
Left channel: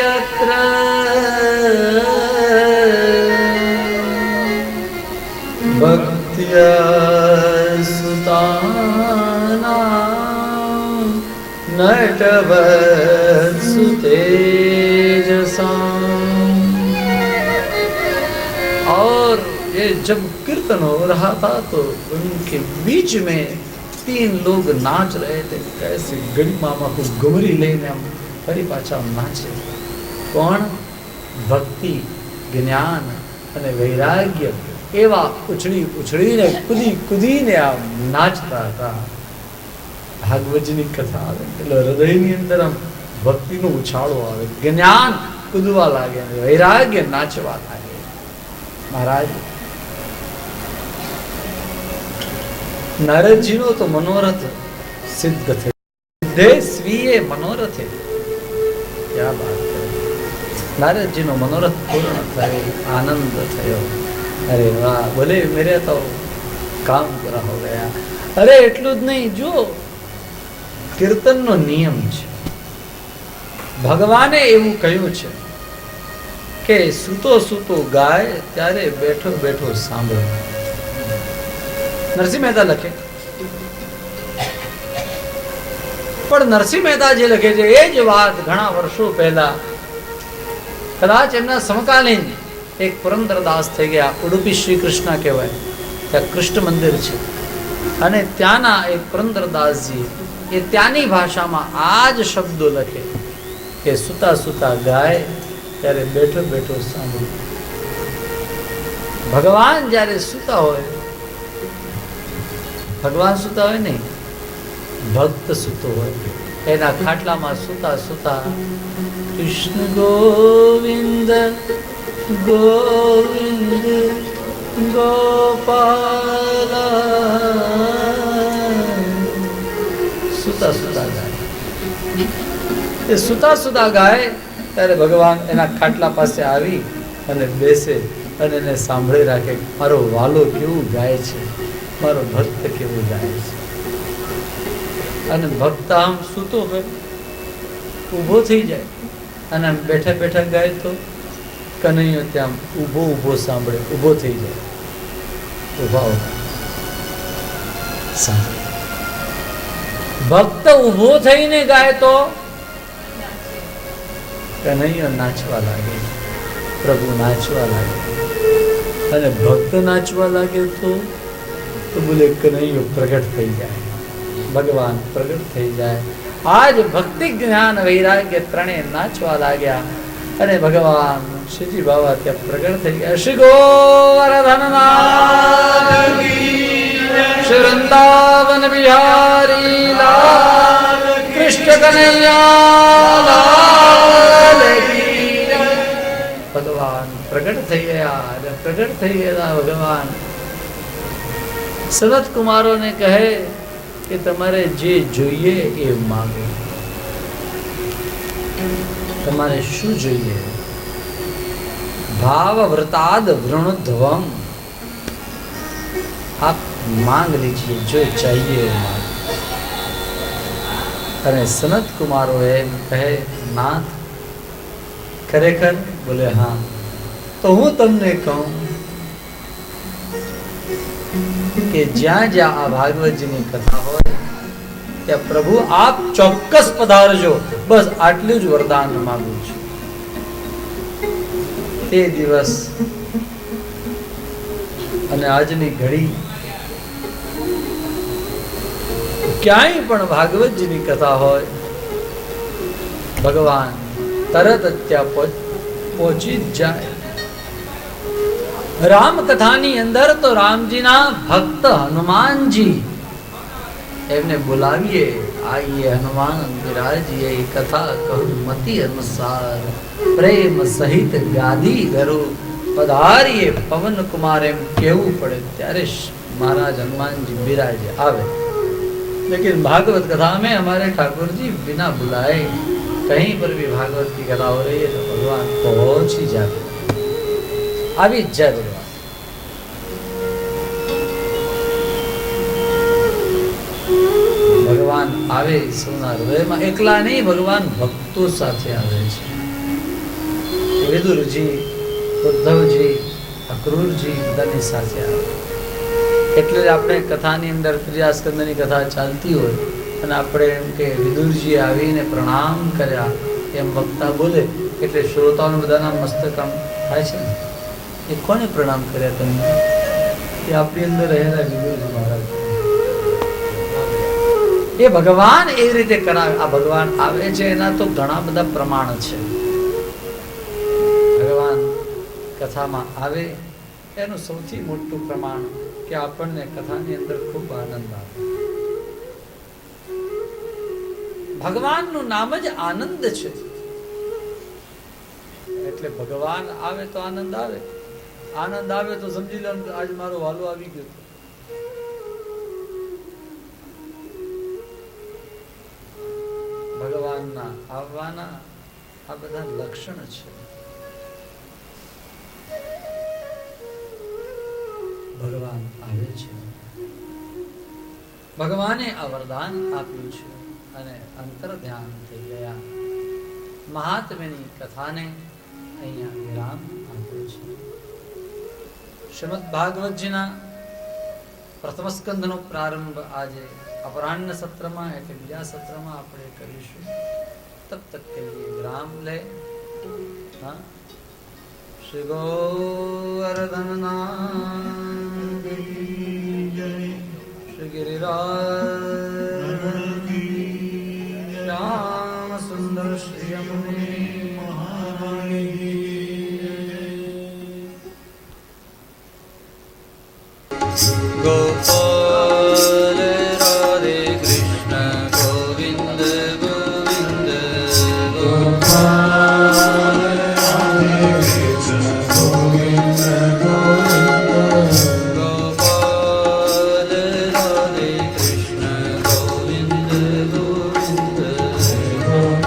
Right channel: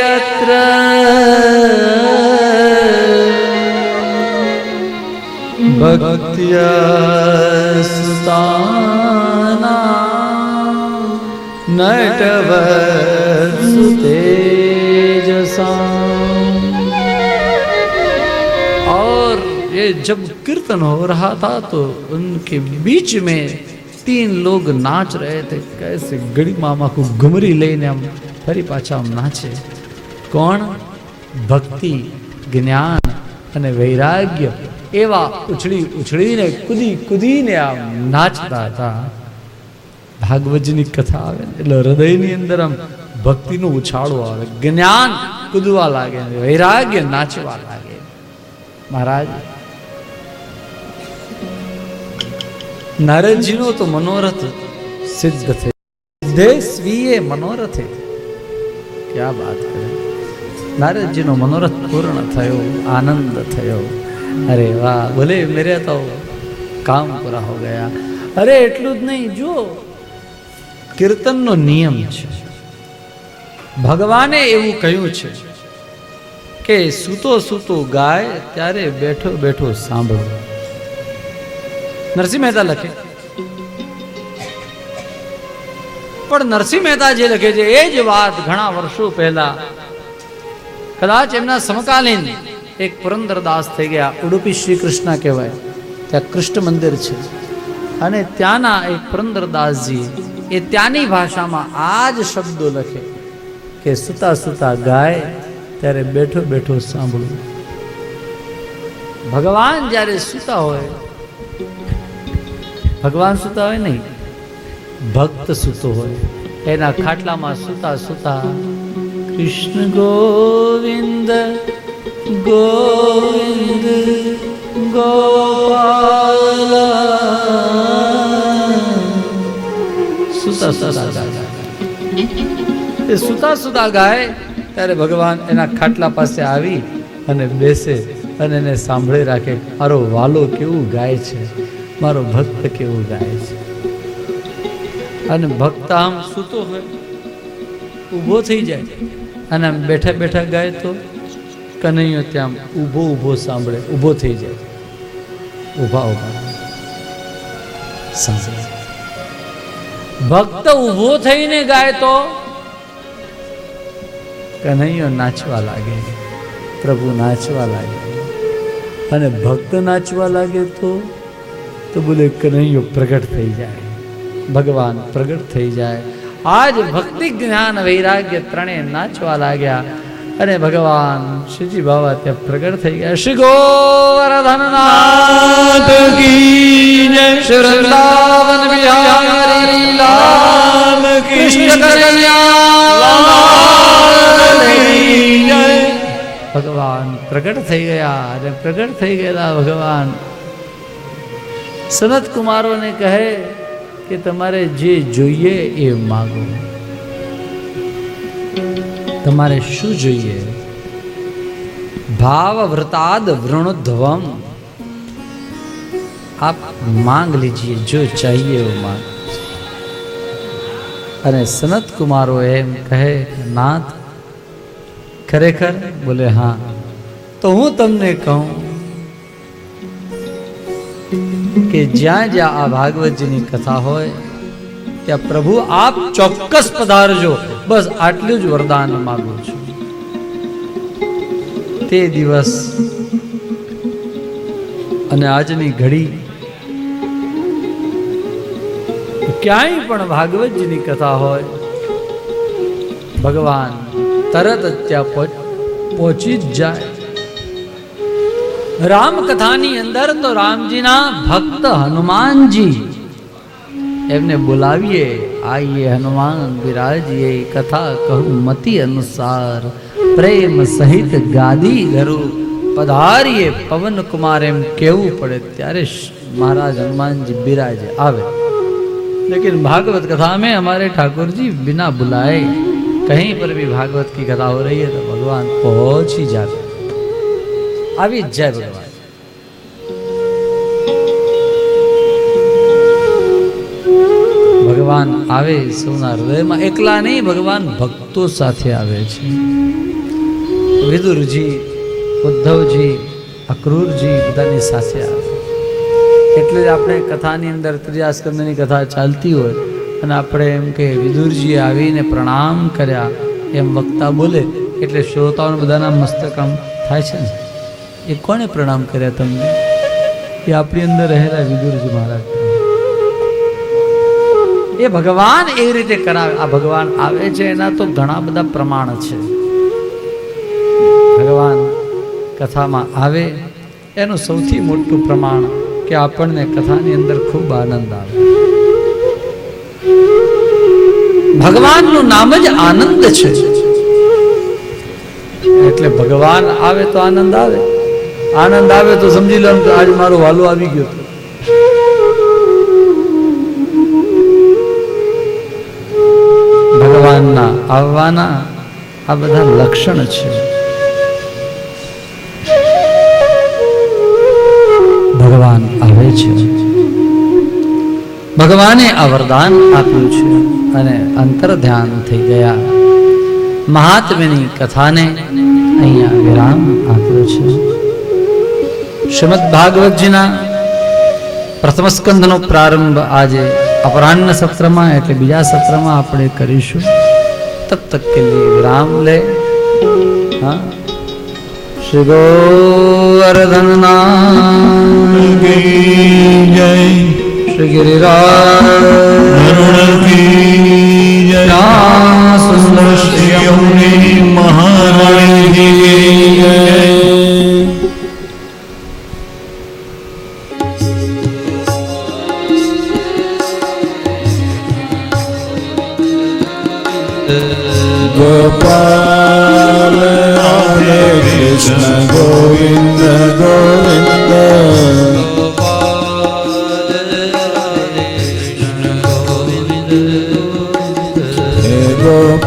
યત્ર ભક્ત્યસ્તાના नटवत्सु तेजसा. और ये जब कीर्तन हो रहा था तो उनके बीच में 3 लोग नाच रहे थे. कैसे गड़ी मामा को घुमरी लेने हम फरी पाछा नाचे. कौन? भक्ति, ज्ञान અને વૈરાગ્ય એવા ઉછળી ઉછળીને કૂદી કૂદીને આ નાચતા હતા. ભાગવતજીની કથા આવે એટલે હૃદયની અંદર આમ ભક્તિનો ઉછાળો આવે, જ્ઞાન કૂદવા લાગે, વૈરાગ્ય નાચવા લાગે. મહારાજ નારદજીનો તો મનોરથ સિદ્ધ થયો. સિદ્ધે સ્વીએ મનોરથે. ક્યાં વાત કરે! નારદજીનો મનોરથ પૂર્ણ થયો, આનંદ થયો. અરે વાહ, બોલે મેરે તો કામ પૂરા હો ગયા. અરે એટલું જ નહીં, જુઓ કીર્તનનો નિયમ છે. ભગવાને એવું કહ્યું છે કે સૂતો સૂતો ગાય ત્યારે બેઠો બેઠો સાંભળો. નરસિંહ મહેતા લખે, પણ નરસિંહ મહેતા જે લખે છે એ જ વાત ઘણા વર્ષો પહેલા કદાચ એમના સમકાલીન એક પુરંદરદાસ થઈ ગયા, ઉડુપી શ્રી કૃષ્ણ કહેવાય, ત્યાં કૃષ્ણ મંદિર છે. અને ત્યાંના એક પુરંદરદાસજી એ ત્યાંની ભાષામાં આ જ શબ્દો લખે કે સુતા સુતા ગાય ત્યારે બેઠો બેઠો સાંભળવું. ભગવાન જ્યારે સુતા હોય, ભગવાન સુતા હોય નહીં, ભક્ત સુતો હોય, એના ખાટલામાં સુતા સુતા કૃષ્ણ ગોવિંદ ગોવિંદ ગોપાલ સુતા સુતા ગાય. એ સુતા સુતા ગાય ત્યારે ભગવાન એના ખાટલા પાસે આવી અને બેસે અને એને સાંભળી રાખે, મારો વાલો કેવું ગાય છે, મારો ભક્ત કેવું ગાય છે. અને ભક્ત આમ સૂતો હોય, ઊભો થઈ જાય અને આમ બેઠા બેઠા ગાય તો કનૈયો ત્યાં ઊભો ઊભો સાંભળે, ઊભો થઈ જાય, ઊભા ઊભા સાંભળે. ભક્ત ઊભો થઈને ગાય તો કનૈયો નાચવા લાગે, પ્રભુ નાચવા લાગે. અને ભક્ત નાચવા લાગે તો બોલે કનૈયો પ્રગટ થઈ જાય, ભગવાન પ્રગટ થઈ જાય. આજ ભક્તિ જ્ઞાન વૈરાગ્ય ત્રણેય નાચવા લાગ્યા અને ભગવાન શ્રીજી બાબા ત્યાં પ્રગટ થઈ ગયા. શ્રી ગોવર્ધનનાથ કી જય, શ્રી વૃંદાવન બિહારી લાલ કૃષ્ણ કનૈયા. ભગવાન પ્રગટ થઈ ગયા અને પ્રગટ થઈ ગયેલા ભગવાન સનત કુમારોને કહે કે તમારે જે જોઈએ એ માગો. તમારે શું જોઈએ? ભાવ વ્રતાદ વૃણધ્વમ, आप मांग लीजिए जो चाहिए वो मांग. અને સનત કુમારો એમ કહે, નાથ ખરેખર? બોલે હા. તો હું તમને કહું કે જ્યાં જ્યાં આ ભાગવતજીની કથા હોય ત્યાં પ્રભુ આપ ચોક્કસ પધારજો, બસ આટલું જ વરદાન માંગુ છું. તે દિવસ અને આજની ઘડી ક્યાંય પણ ભાગવતજીની કથા હોય, ભગવાન તરત જ ત્યાં પહોંચી જ જાય. રામકથાની અંદર તો રામજીના ભક્ત હનુમાનજી, એમને બોલાવીએ, આઈએ હનુમાન બિરાજીએ, કથા કહું મતિ અનુસાર, પ્રેમ સહિત ગાદી ધરો પધારીએ. પવન કુમાર એમ કહેવું પડે ત્યારે મહારાજ હનુમાનજી બિરાજે આવે. लेकिन भागवत कथा में हमारे ठाकुर जी बिना बुलाए कहीं पर भी भागवत की कथा हो रही है तो भगवान पहुंच ही जाते अभी जय भगवान। ભગવાન આવે સૌના હૃદયમાં એકલા નહીં ભગવાન ભક્તો સાથે આવે છે વિદુરજી ઉદ્ધવજી અક્રૂરજી બધાની સાથે આવે એટલે આપણે કથાની અંદર ત્રિયાસ્કંદની કથા ચાલતી હોય અને આપણે એમ કે વિદુરજીએ આવીને પ્રણામ કર્યા એમ વક્તા બોલે એટલે શ્રોતાઓ બધાના મસ્તક આમ થાય છે ને એ કોણે પ્રણામ કર્યા તમને એ આપણી અંદર રહેલા વિદુરજી મહારાજ એ ભગવાન એ રીતે કરાવે આ ભગવાન આવે છે એના તો ઘણા બધા પ્રમાણ છે ભગવાન કથામાં આવે એનું સૌથી મોટું પ્રમાણ કે આપણને કથાની અંદર ખૂબ આનંદ આવે ભગવાનનું નામ જ આનંદ છે એટલે ભગવાન આવે તો આનંદ આવે આનંદ આવે તો સમજી લો કે આજ મારો વાલો આવી ગયો હતો ભગવાનના આવવાના આ બધા લક્ષણ છે ભગવાન આવે છે ભગવાને આ વરદાન આપ્યું છે અને અંતર ધ્યાન થઈ ગયા મહાત્મ્યની કથાને અહીંયા વિરામ આપ્યો છે શ્રીમદ ભાગવતજીના પ્રથમ સ્કંધનો પ્રારંભ આજે अपराह्न सत्र में एटले बीजा सत्र में आपणे करीशुं तब तक के लिए विराम ले हाँ श्री गोवर्धननाथ की जय श्री गिरिराज की जय सुंदर श्री यमुने महाराज की जय। गोपाल राधे कृष्ण गोविंद गोविंद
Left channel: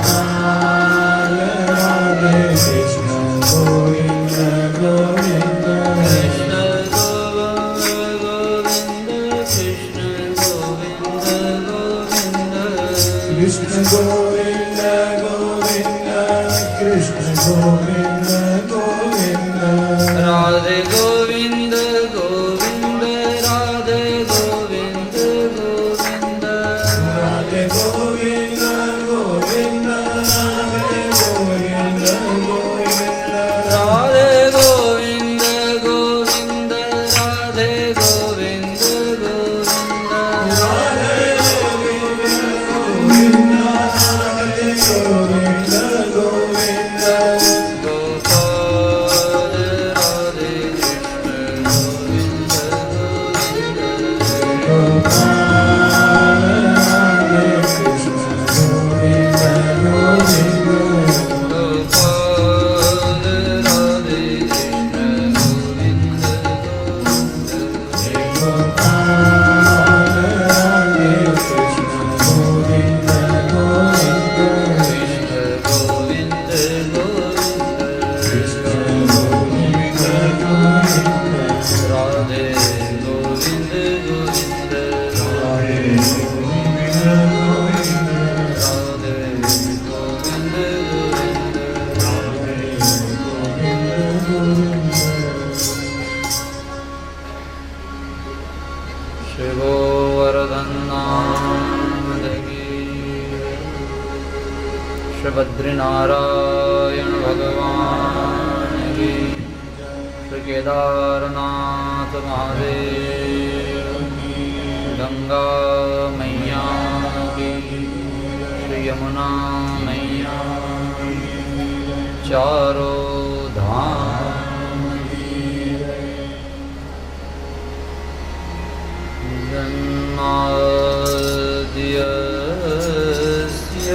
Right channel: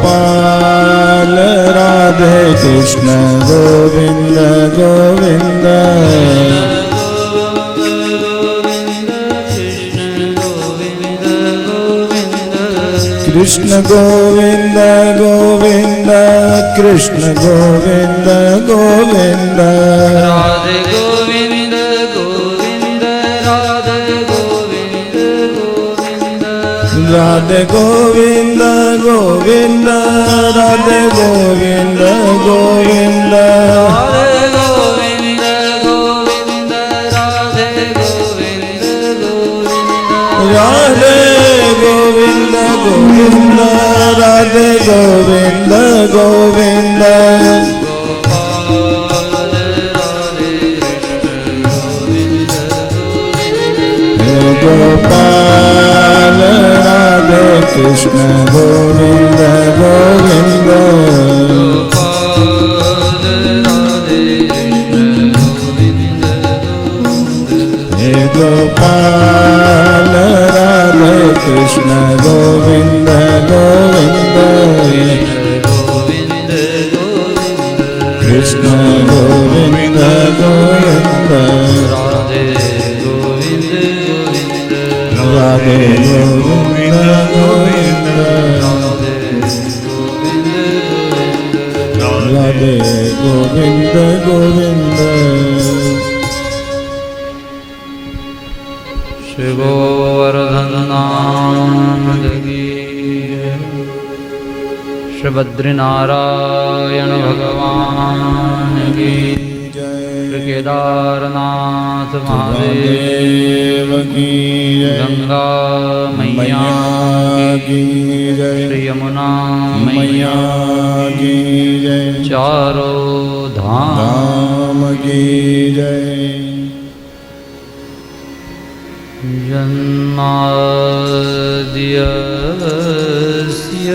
गोपाल राधे कृष्ण गोविंद गोविंद कृष्ण गोविंद गोविंद कृष्ण गोविंद गोविंद राधे गोविंद गोविंद राधे गोविंद गोविंद राधे गोविंद गोविंद राधे गोविंद गोविंद राधे गोविंद गोविंद राधे गोविंद गोविंद राधे गोविंद गोविंद राधे गोविंद गोविंद गोपाल राधे कृष्ण गोविंद गोविंद गोपाल राधे कृष्ण गोविंद गोविंद कृष्ण गोविंद गोविंद राधे गोविंद गोविंद राधे गोविंद गोविंद श्री गोवर्धननाथ की श्री बद्रीनारायण भगवान की श्री केदारनाथ महादेव की गंगा मैया की श्री यमुना मैया की जय चारों धाम राम की जय जन्माद्यस्य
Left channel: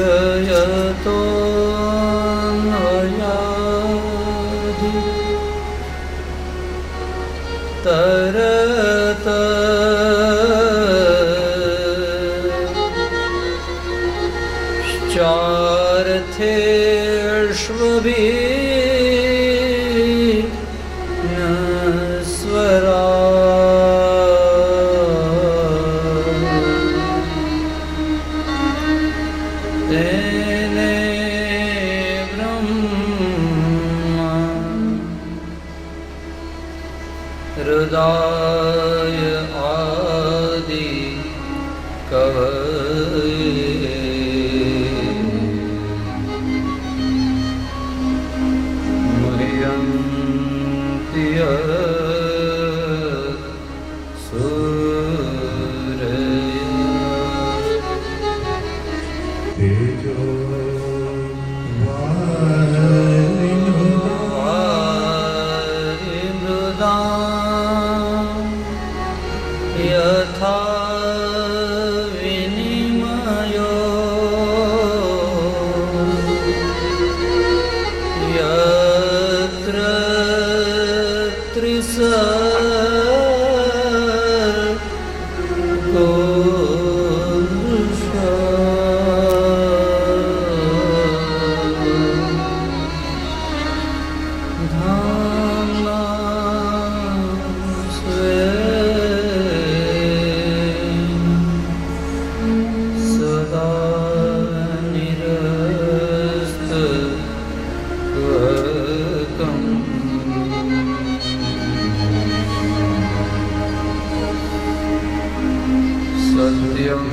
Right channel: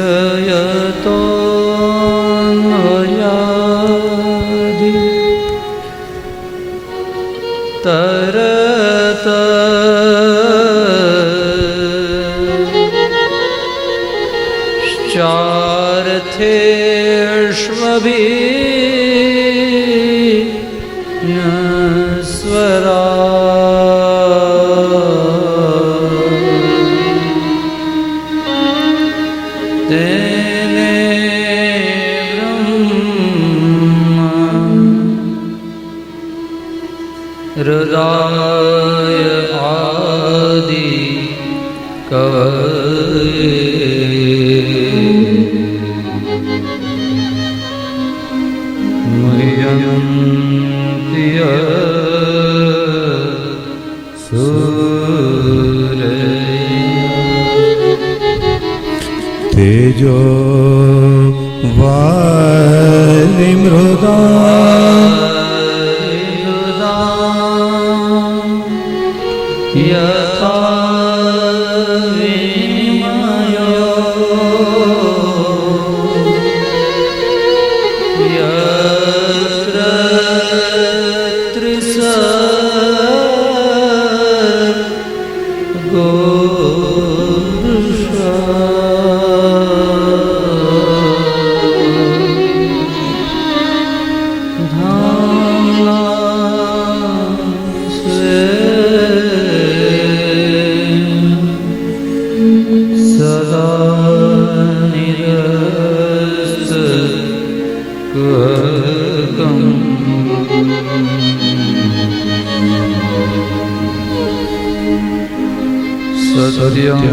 यतोऽन्वयादि तरत स्वरा तेने हृदय आदि कवये मुह्यन्ति तेजो वारि मृदा यथा विनिमयो यत्र त्रिसर्गो सदा निरस्तकम् सत्यं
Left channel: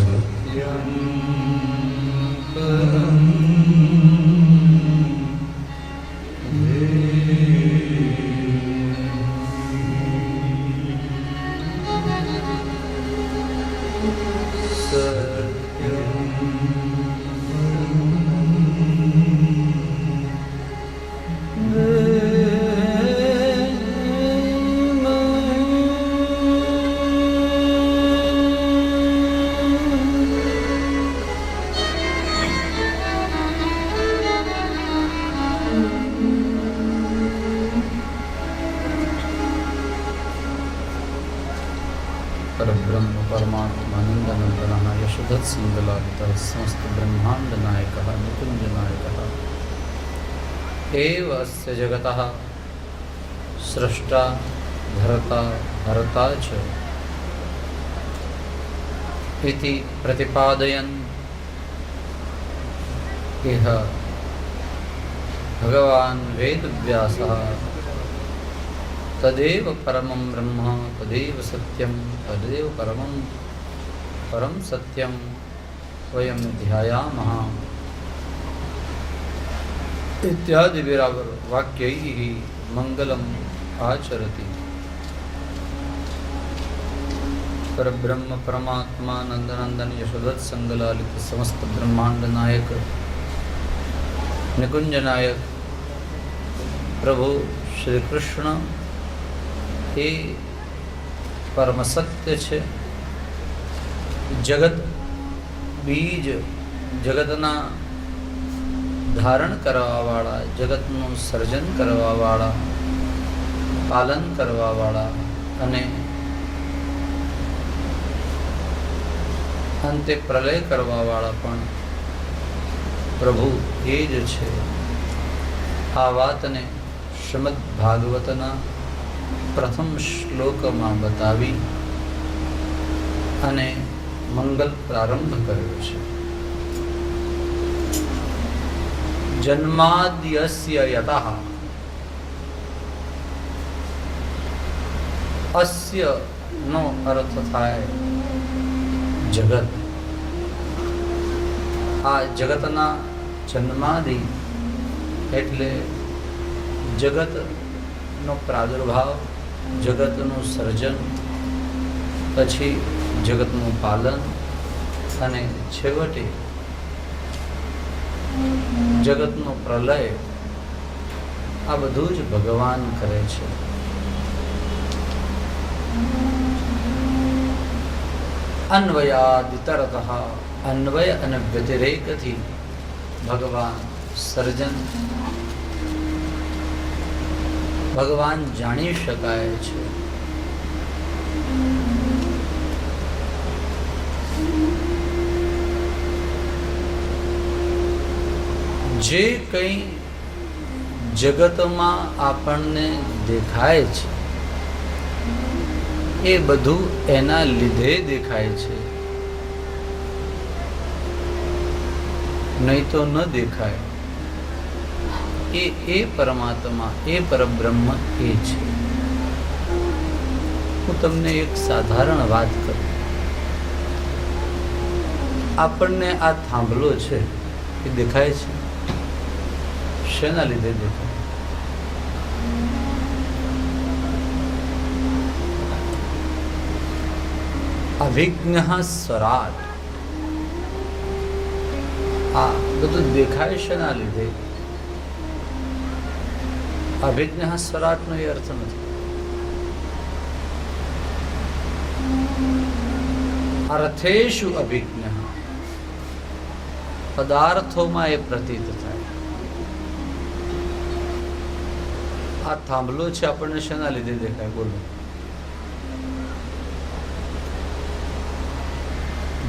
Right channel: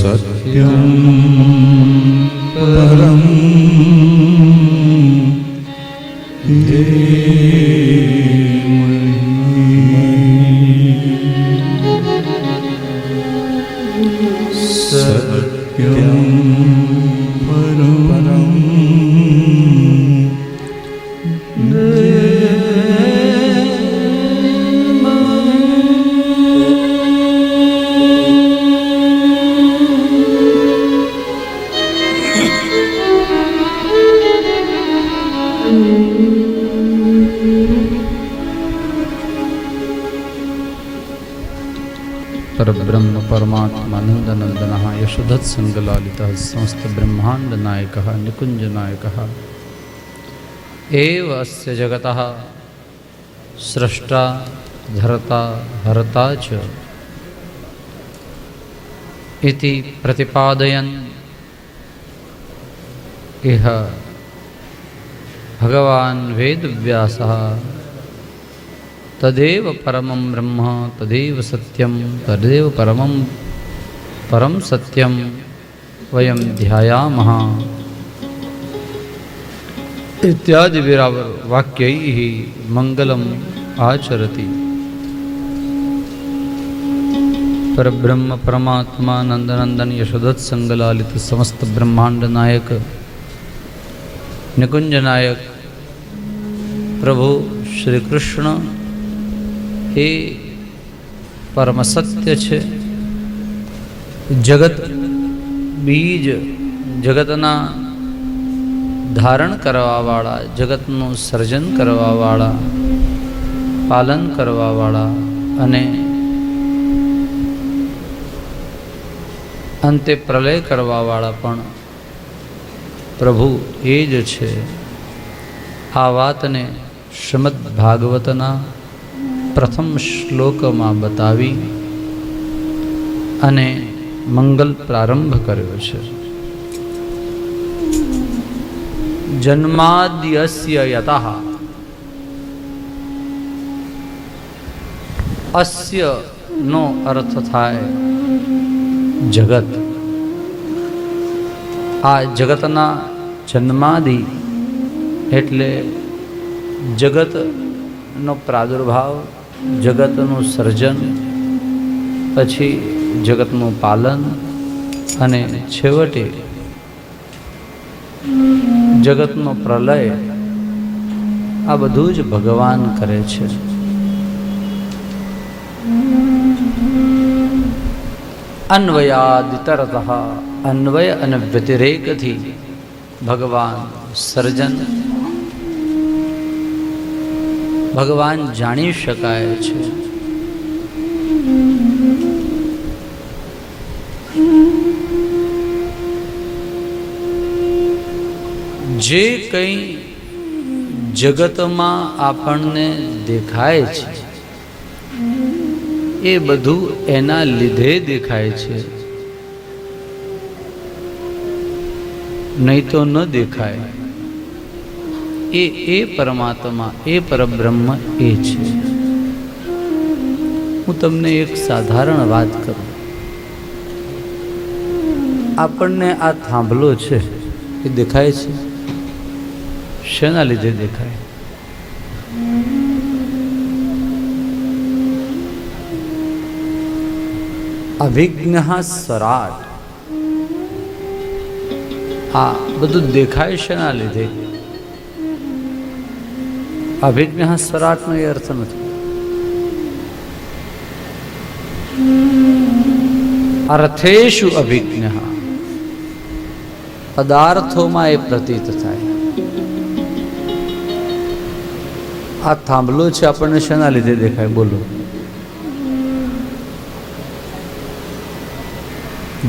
सत्यं परं सत्यं परं परब्रह्म परमात्मानन्दनन्दनः यशोधत्सङ्गलालितः समस्त ब्रह्मांड नायकः निकुंज नायकः एव अस्य जगतः सृष्टा धर्ता हर्ता च इति प्रतिपादयन् इह भगवान् वेदव्यासः तदेव परमं ब्रह्म तदेव सत्यं तदेव परम सत्यं वयं ध्यायामः इत्यादि वाक्यैः मंगलम् आचरति। परब्रह्म परमात्मा नंदनंदन यशोदत्संगलालित समस्त ब्रह्मांड नायक निकुंज नायक प्रभु श्री कृष्ण એ પરમ સત્ય છે। જગત બીજ જગતના ધારણ કરવાવાળા જગતનું સર્જન કરવાવાળા પાલન કરવાવાળા અને અંતે પ્રલય કરવાવાળા પણ પ્રભુ એ જ છે। આ વાતને શ્રીમદ ભાગવતના પ્રથમ શ્લોકમાં બતાવી અને મંગલ પ્રારંભ કર્યો છે। જન્માદ્યસ્ય યતઃ અસ્ય નો અર્થ થાય જગત। આ જગતના જન્માદિ એટલે જગતનો પ્રાદુર્ભાવ જગતનું સર્જન પછી જગતનું પાલન અને છેવટે જગતનો પ્રલય આ બધું જ ભગવાન કરે છે। અન્વયાદિતરતઃ અન્વય અને વ્યતિરેકથી ભગવાન સર્જન ભગવાન જાણી શકાય છે. જે કંઈ જગતમાં આપણને દેખાય છે એ બધું એના લીધે દેખાય છે, નહીં તો ન દેખાય. એ પરમાત્મા, એ પરબ્રહ્મ એ છે. હું તમને એક સાધારણ વાત કરું. આપણને આ થાંભલો છે એ દેખાય છે, શેના લીધે દેખાય? અવિજ્ઞ સ્વરાટ. આ બધું દેખાય શેના લીધે? અવિજ્ઞ સ્વરાટનો એ અર્થ નથી. અર્થેષુ અવિજ્ઞ, પદાર્થોમાં એ પ્રતીત થાય. આ થાંભલો છે આપણને શેના લીધે દેખાય? બોલો,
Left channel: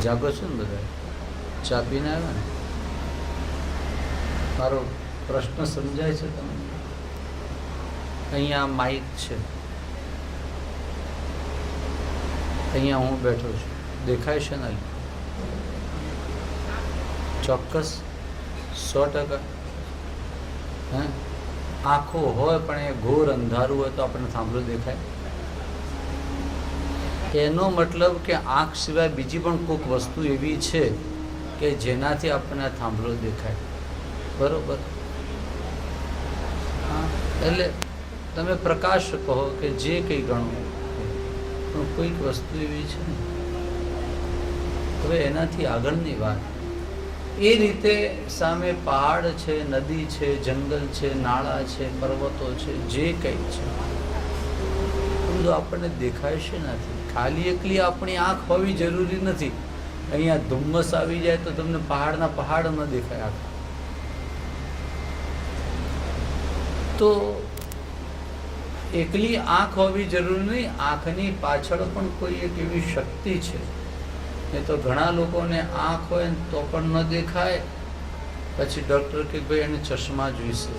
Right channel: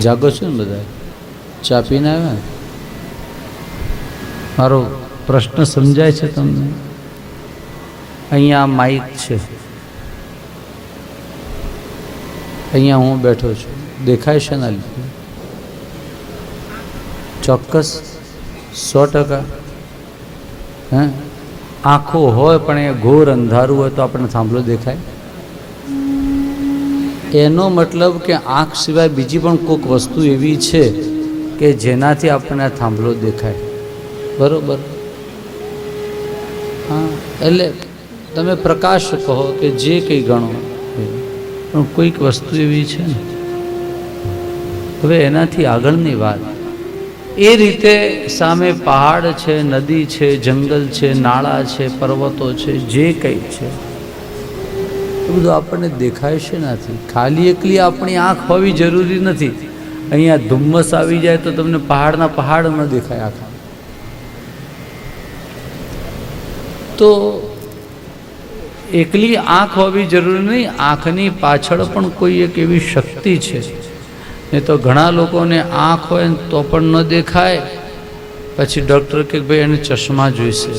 જાગો છો ને બધા? ચા પીને આવ્યા ને? મારો પ્રશ્ન સમજાય છે તમને? અહીંયા માઇક છે, અહીંયા હું બેઠો છું, દેખાય શેના લીધે? ચોક્કસ 100%. હે, આંખો હોય પણ એ ઘોર અંધારું હોય તો આપણને થાંભલો દેખાય? એનો મતલબ કે આંખ સિવાય બીજી પણ કોઈક વસ્તુ એવી છે કે જેનાથી આપણને આ થાંભલો દેખાય. બરોબર? હા, એટલે તમે પ્રકાશ કહો કે જે કંઈ ગણો, પણ કોઈક વસ્તુ એવી છે ને. હવે એનાથી આગળની વાત એ રીતે સામે પહાડ છે, નદી છે, જંગલ છે, નાળા છે, પર્વતો છે, જે કંઈ છે એ બધું આપણને દેખાય છે નથી. ખાલી એકલી આપણી આંખ હોવી જરૂરી નથી. અહીંયા ધુમ્મસ આવી જાય તો તમને પહાડના પહાડ ન દેખાય આખા. તો એકલી આંખ હોવી જરૂરી નહીં, આંખની પાછળ પણ કોઈ એક એવી શક્તિ છે. નહીં તો ઘણા લોકોને આંખ હોય ને તો પણ ન દેખાય, પછી ડૉક્ટર કે ભાઈ એને ચશ્મા જોઈશે.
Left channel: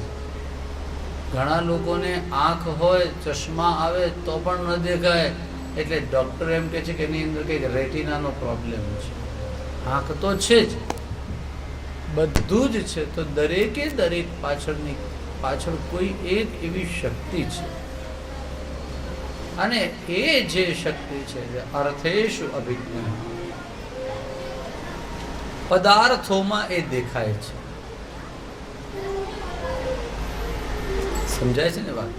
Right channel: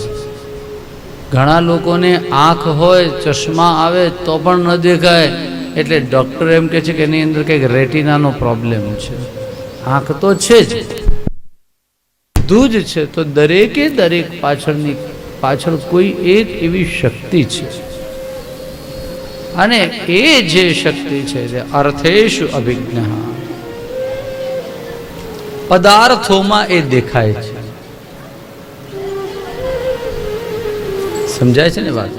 ઘણા લોકોને આંખ હોય, ચશ્મા આવે તો પણ ન દેખાય, એટલે ડૉક્ટર એમ કહે છે કે એની અંદર કંઈક રેટિનાનો પ્રોબ્લેમ છે. આંખ તો છે જ, બધું જ છે. તો દરેકે દરેક પાછળ કોઈ એક એવી શક્તિ છે, અને એ જે શક્તિ છે તે અર્થેષુ અભિજ્ઞ, પદાર્થોમાં એ દેખાય છે. સમજાય છે ને વાત?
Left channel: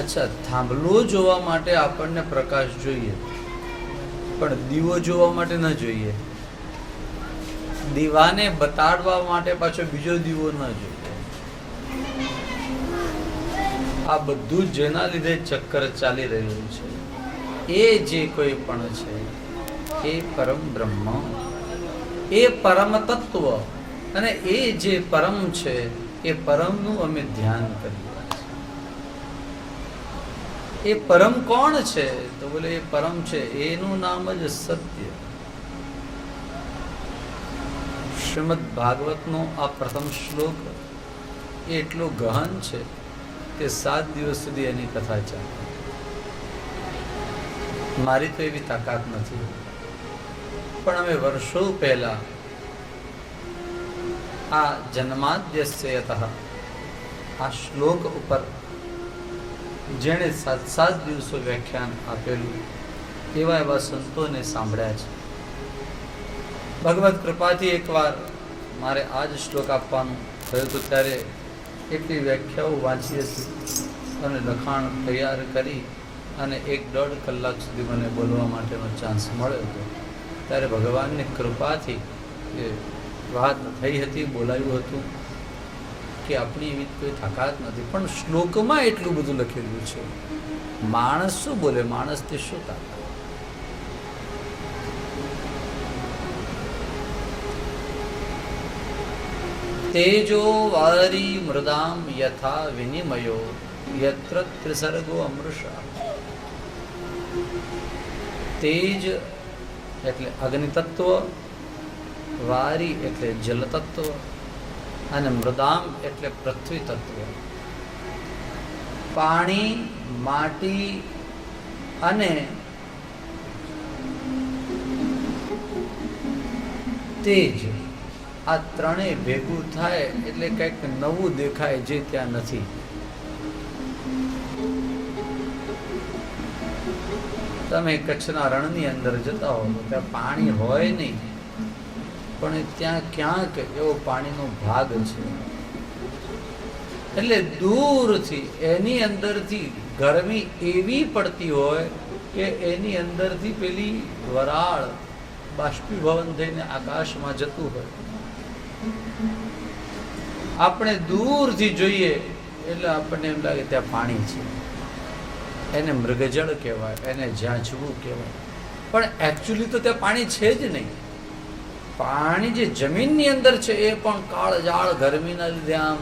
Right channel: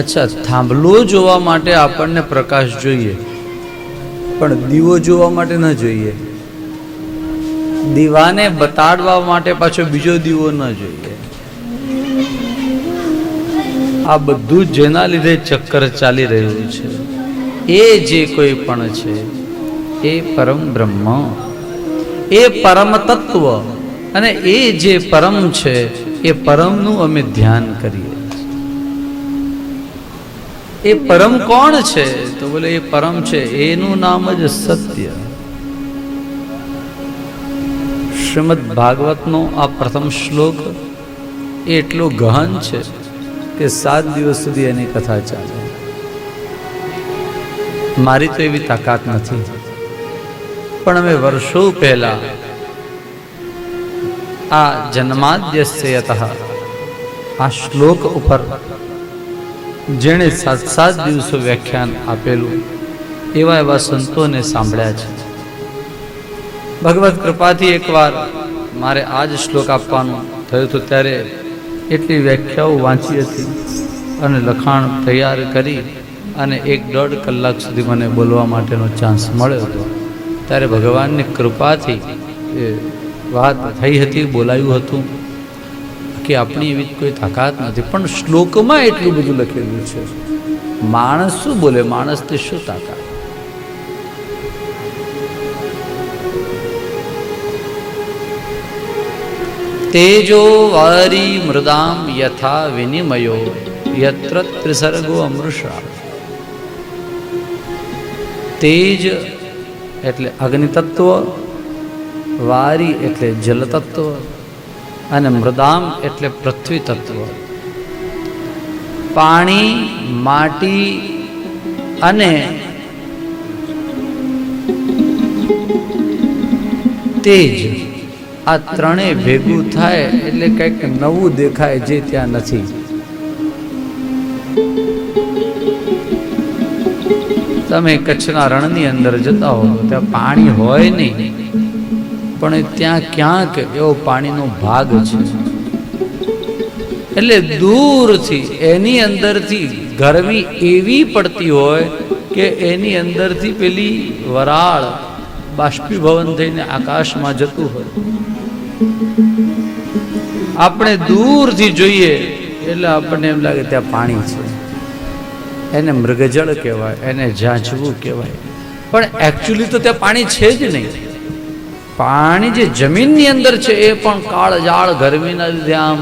અચ્છા, થાંભલો જોવા માટે આપણને પ્રકાશ જોઈએ, પણ દીવો જોવા માટે ન જોઈએ. દીવાને બતાડવા માટે પાછો બીજો દીવો ન જોઈએ. આ બધું જેના લીધે ચક્કર ચાલી રહ્યું છે એ જે કોઈ પણ છે એ પરમ બ્રહ્મ, એ પરમ તત્વ, અને એ જે પરમ છે એ પરમનું અમે ધ્યાન કરીએ. એ પરમ કોણ છે? તો બોલે એ પરમ છે, એનું નામ જ સત્ય. શ્રીમદ ભાગવતનો આ પ્રથમ શ્લોક એટલો ગહન છે કે 7 દિવસ સુધી એની કથા ચાલે. મારી તો એવી તાકાત નથી, પણ અમે વર્ષો પહેલા આ જન્માદ્યસ્ય યતઃ આ શ્લોક ઉપર જેણે 7 દિવસો વ્યાખ્યાન આપેલું એવા સંતોને સાંભળ્યા છે. ભગવત કૃપાથી એકવાર મારે આ જ શ્લોક આપવાનું થયું હતું, ત્યારે એટલી વ્યાખ્યાઓ વાંચી હતી અને લખાણ તૈયાર કરી અને 1-1.5 કલાક સુધી મને બોલવા માટેનો ચાન્સ મળ્યો હતો. ત્યારે ભગવાનની કૃપાથી એ વાત થઈ હતી, બોલાયું હતું. કે આપણી એવી કોઈ તાકાત નથી, પણ શ્લોકમાં એટલું બધું લખેલું છે. માણસ શું બોલે? માણસથી શું તાકાત? તેજો વારી મૃદામ યથા વિનિમયો યત્ર ત્રિસર્ગો અમૃષા. તેજ એટલે અગ્નિ તત્વ, વારી એટલે જલ તત્વ અને મૃદામ એટલે પૃથ્વી તત્વ. પાણી, માટી અને તેજ આ ત્રણેય ભેગું થાય એટલે કંઈક નવું દેખાય જે ત્યાં નથી. તમે કચ્છના રણની અંદર જતા હો ત્યાં પાણી હોય નહીં, પણ ત્યાં ક્યાંક એવો પાણીનો ભાગ છે. એટલે દૂરથી એની અંદરથી ગરમી એવી પડતી હોય કે એની અંદરથી પેલી વરાળ બાષ્પીભવન થઈને આકાશમાં જતું હોય. આપણે દૂરથી જોઈએ એટલે આપણને એમ લાગે ત્યાં પાણી છે. એને મૃગજળ કહેવાય, એને ઝાંઝવું કહેવાય, પણ એકચ્યુઅલી તો ત્યાં પાણી છે જ નહીં. પાણી જે જમીનની અંદર છે એ પણ કાળઝાળ ગરમીના લીધે આમ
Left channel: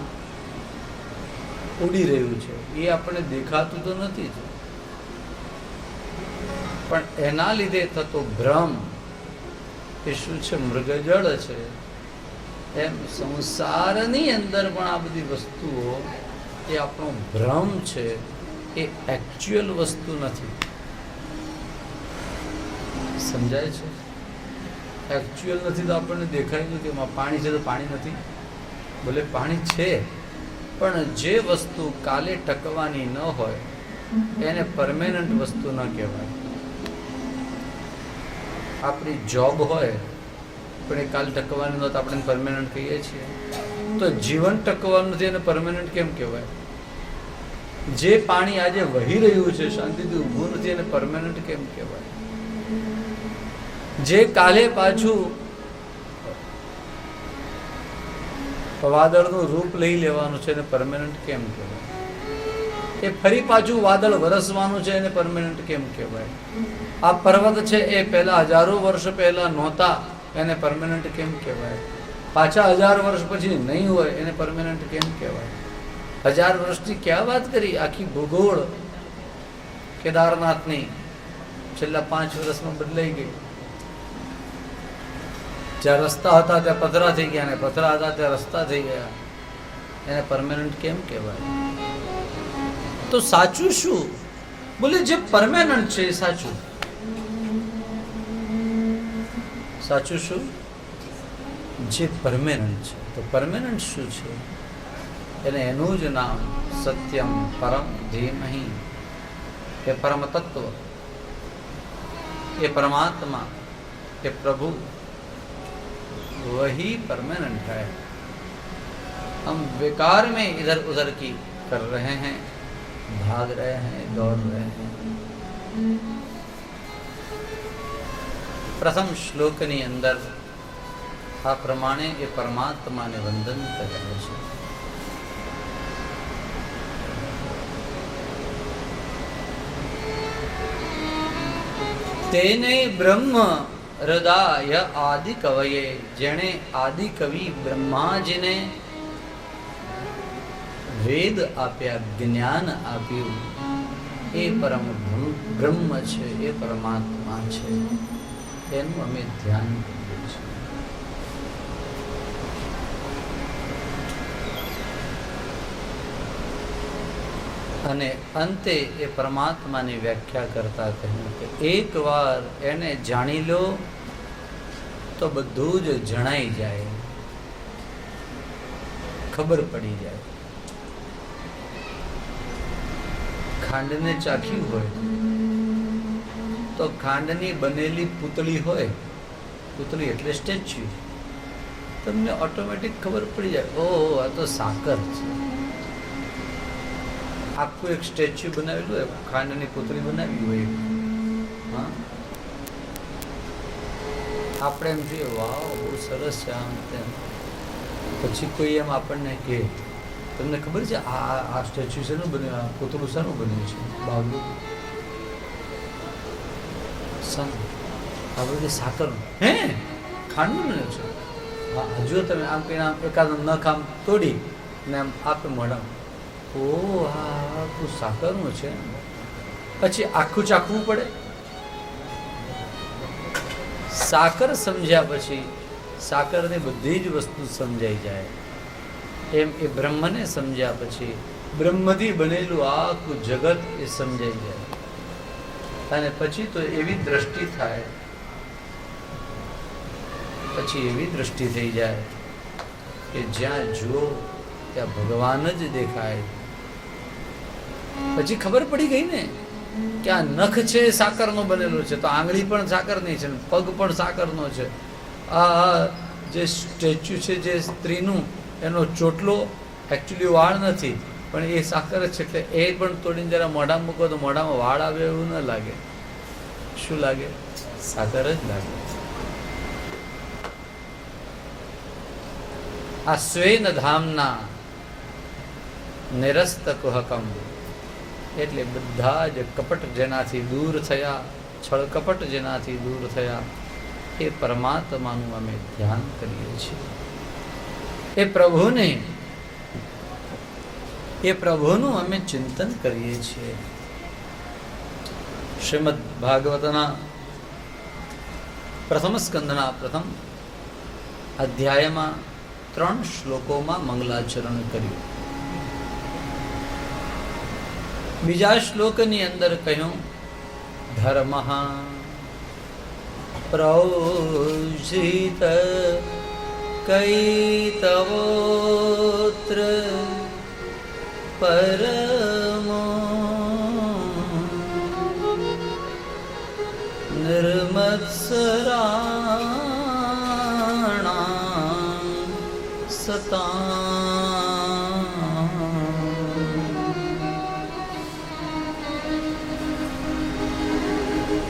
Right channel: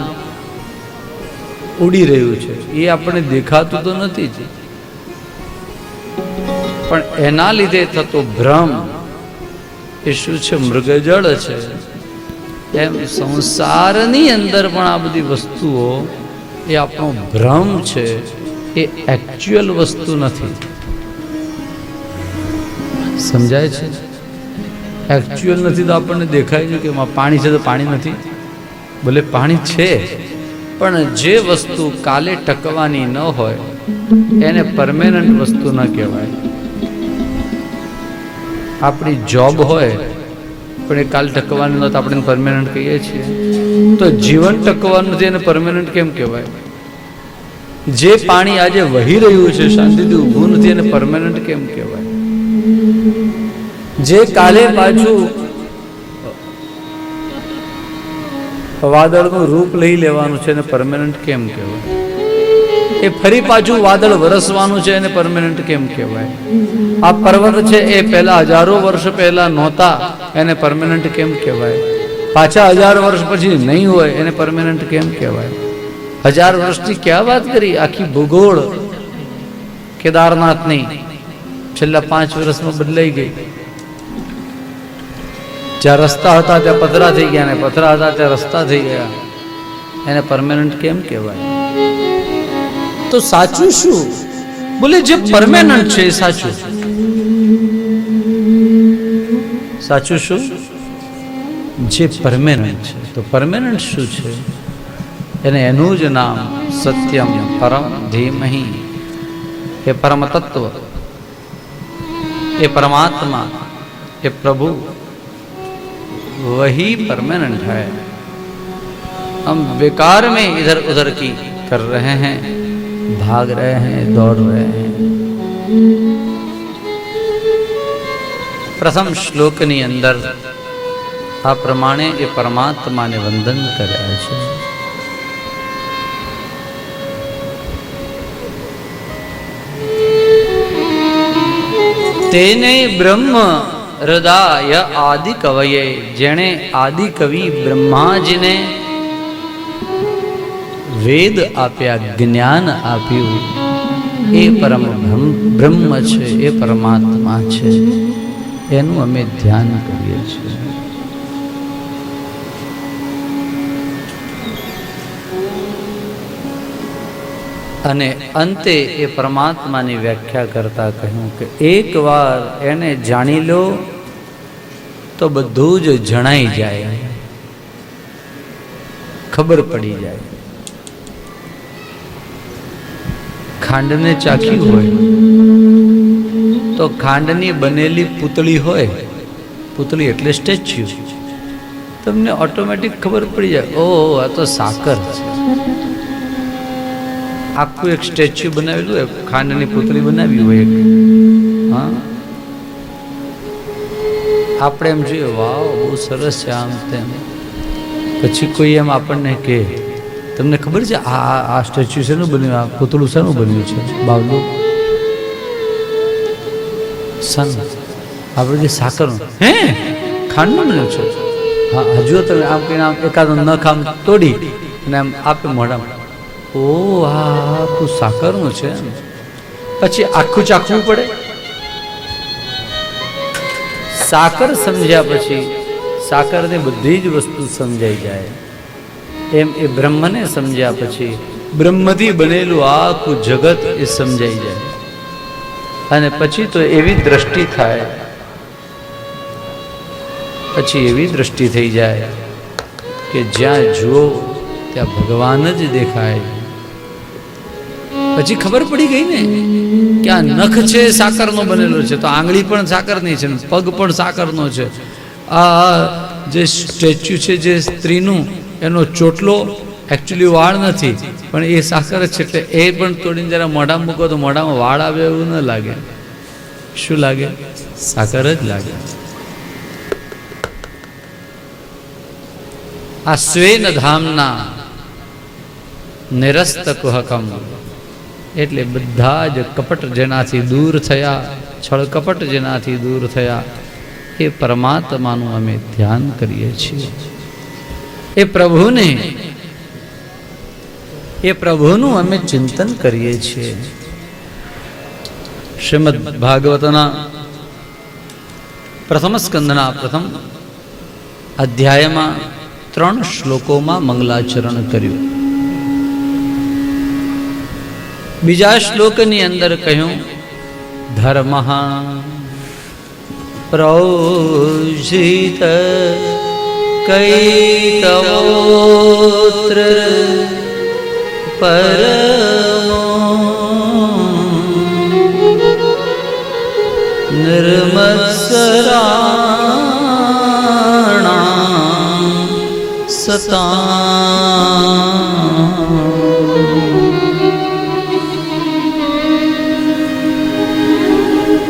ઉડી રહ્યું છે. એ આપણને દેખાતું તો નથી જ, પણ એના લીધે થતો ભ્રમ એ શું છે? મૃગજળ છે. એમ સંસારની અંદર પણ આ બધી વસ્તુઓ એ આપણો ભ્રમ છે, એ એકચ્યુઅલ વસ્તુ નથી. સમજાય છે? એકચ્યુઅલ નથી તો આપણને દેખાય છે કે પાણી છે તો પાણી નથી. ભલે પાણી છે, પણ જે વસ્તુ કાલે ટકવાની ન હોય એને પરમેનન્ટ વસ્તુ ન કહેવાય. આપણી જોબ હોય પણ એ કાલ ટકવાની ન તો આપણે પરમેનન્ટ કહીએ છીએ. તો જીવન ટકવાનું નથી એને પરમેનન્ટ કેમ કહેવાય? જે પાણી આજે વહી રહ્યું છે શાંતિથી ઊભું નથી એને પરમેનન્ટ કેમ કહેવાય? જે કાલે પાછું વાદળનું રૂપ લઈ લેવાનું છે એને પરમેનન્ટ કેમ કહેવાય? એ ફરી પાછું વાદળ વરસવાનું છે એને પરમેનન્ટ કેમ કહેવાય? આ પર્વત છે એ પહેલા હજારો વર્ષ પહેલા નહોતા એને પરમેનન્ટ કેમ કહેવાય? પાછા 1000 વર્ષ પછી નહીં હોય એને પરમેનન્ટ કેમ કહેવાય? 1000 વર્ષની ક્યાં વાત કરી? આખી ભૂગોળ કેદારનાથની છેલ્લા 5 વર્ષમાં બદલાઈ ગઈ. જ્યાં રસ્તા હતા ત્યાં પથરા થઈ ગયા, ને પથરા હતા ત્યાં રસ્તા થઈ ગયા. એને પરમેનન્ટ કેમ કહેવાય? તો સાચું શું? બોલે જે પરમેનન્ટ છે એ સાચું. સાચું શું? જે પરમેનન્ટ છે. તો પરમેનન્ટ શું છે? એને એનું જ નામ સત્યમ પરમ ધીમહિ. એ પરમ તત્વ, એ परमात्मा, ये प्रभु वही परमानेंट है. हम बेकार में इधर उधर की कर रहे हैं, भाग रहे हैं, दौड़ रहे हैं. प्रथम श्लोकनी अंदर आ प्रमाणे ये परमात्मा ने वंदन કર્યા છે. તેને બ્રહ્મ હૃદય આદિ કવયે, જેણે આદિ કવિ બ્રહ્માજીને વેદ આપ્યા, જ્ઞાન આપ્યું, એ પરમ બ્રહ્મ છે, એ પરમાત્મા છે. એનું અમે ધ્યાન કરીએ છીએ. અને અંતે એ પરમાત્માની વ્યાખ્યા કરતા કહ્યું કે એકવાર એને જાણી લો તો બધું જ જણાઈ જાય, ખબર પડી જાય. ખાંડને ચાખ્યું હોય તો ખાંડની બનેલી પૂતળી હોય, પૂતળી એટલે સ્ટેચ્યુ, તમને ઓટોમેટિક ખબર પડી જાય, ઓહ આ તો સાકર છે. આખું એક સ્ટેચ્યુ બનાવેલું હોય, ખાંડની પૂતળી બનાવી હોય એક, હા, આપણે એમ જોઈએ વાવ બહુ સરસ છે આમ તેમ. પછી કોઈ એમ આપણને કહે તમને ખબર છે આ સ્ટેચ્યુ શેનું બન્યું, આ પૂતળું શેનું બન્યું છે? બાવલું સન, આપણે જે સાકરનું, હે ખાંડનું બન્યું છે. હા હજુ તમે આમ કહીને આમ એકાદો નખ આમ તોડી અને આમ આપે મોઢામાં, ઓ આ આખું સાકરનું છે. પછી આખું ચાખવું પડે. સાકર સમજ્યા પછી સાકરની બધી જ વસ્તુ સમજાઈ જાય. એમ એ બ્રહ્મને સમજ્યા પછી બ્રહ્મથી બનેલું આખું જગત એ સમજાઈ જાય. અને પછી તો એવી દ્રષ્ટિ થાય, પછી એવી દ્રષ્ટિ થઈ જાય કે જ્યાં જુઓ ત્યાં ભગવાન જ દેખાય. પછી ખબર પડી ગઈ ને કે આ નખ છે સાકરનો બનેલો છે, તો આંગળી પણ સાકરની છે, પગ પણ સાકરનો છે. આ જે સ્ટેચ્યુ છે જે સ્ત્રીનું, એનો ચોટલો એકચ્યુઅલી વાળ નથી પણ એ સાકર જ છે. એટલે એ પણ તોડીને જરા મોઢામાં મૂકો તો મોઢામાં વાળ આવે એવું ન લાગે. શું લાગે? સાકર જ લાગે. આ સ્વેન ધામના નિરસ્ત કુહકમ, એટલે બધા જ કપટ જેનાથી દૂર થયા, છળ કપટ જેનાથી દૂર થયા, એ પરમાત્માનું અમે ધ્યાન કરીએ છીએ. એ પ્રભુનું અમે ચિંતન કરીએ છીએ. શ્રીમદ ભાગવતના પ્રથમ સ્કંદના પ્રથમ અધ્યાયમાં 3 શ્લોકોમાં મંગલાચરણ કર્યું. બીજા શ્લોકની અંદર કહ્યું, ધર્મ પ્રોષિત કૈતવોત્ર પરમો નિર્મત્સરાણાં સતાં.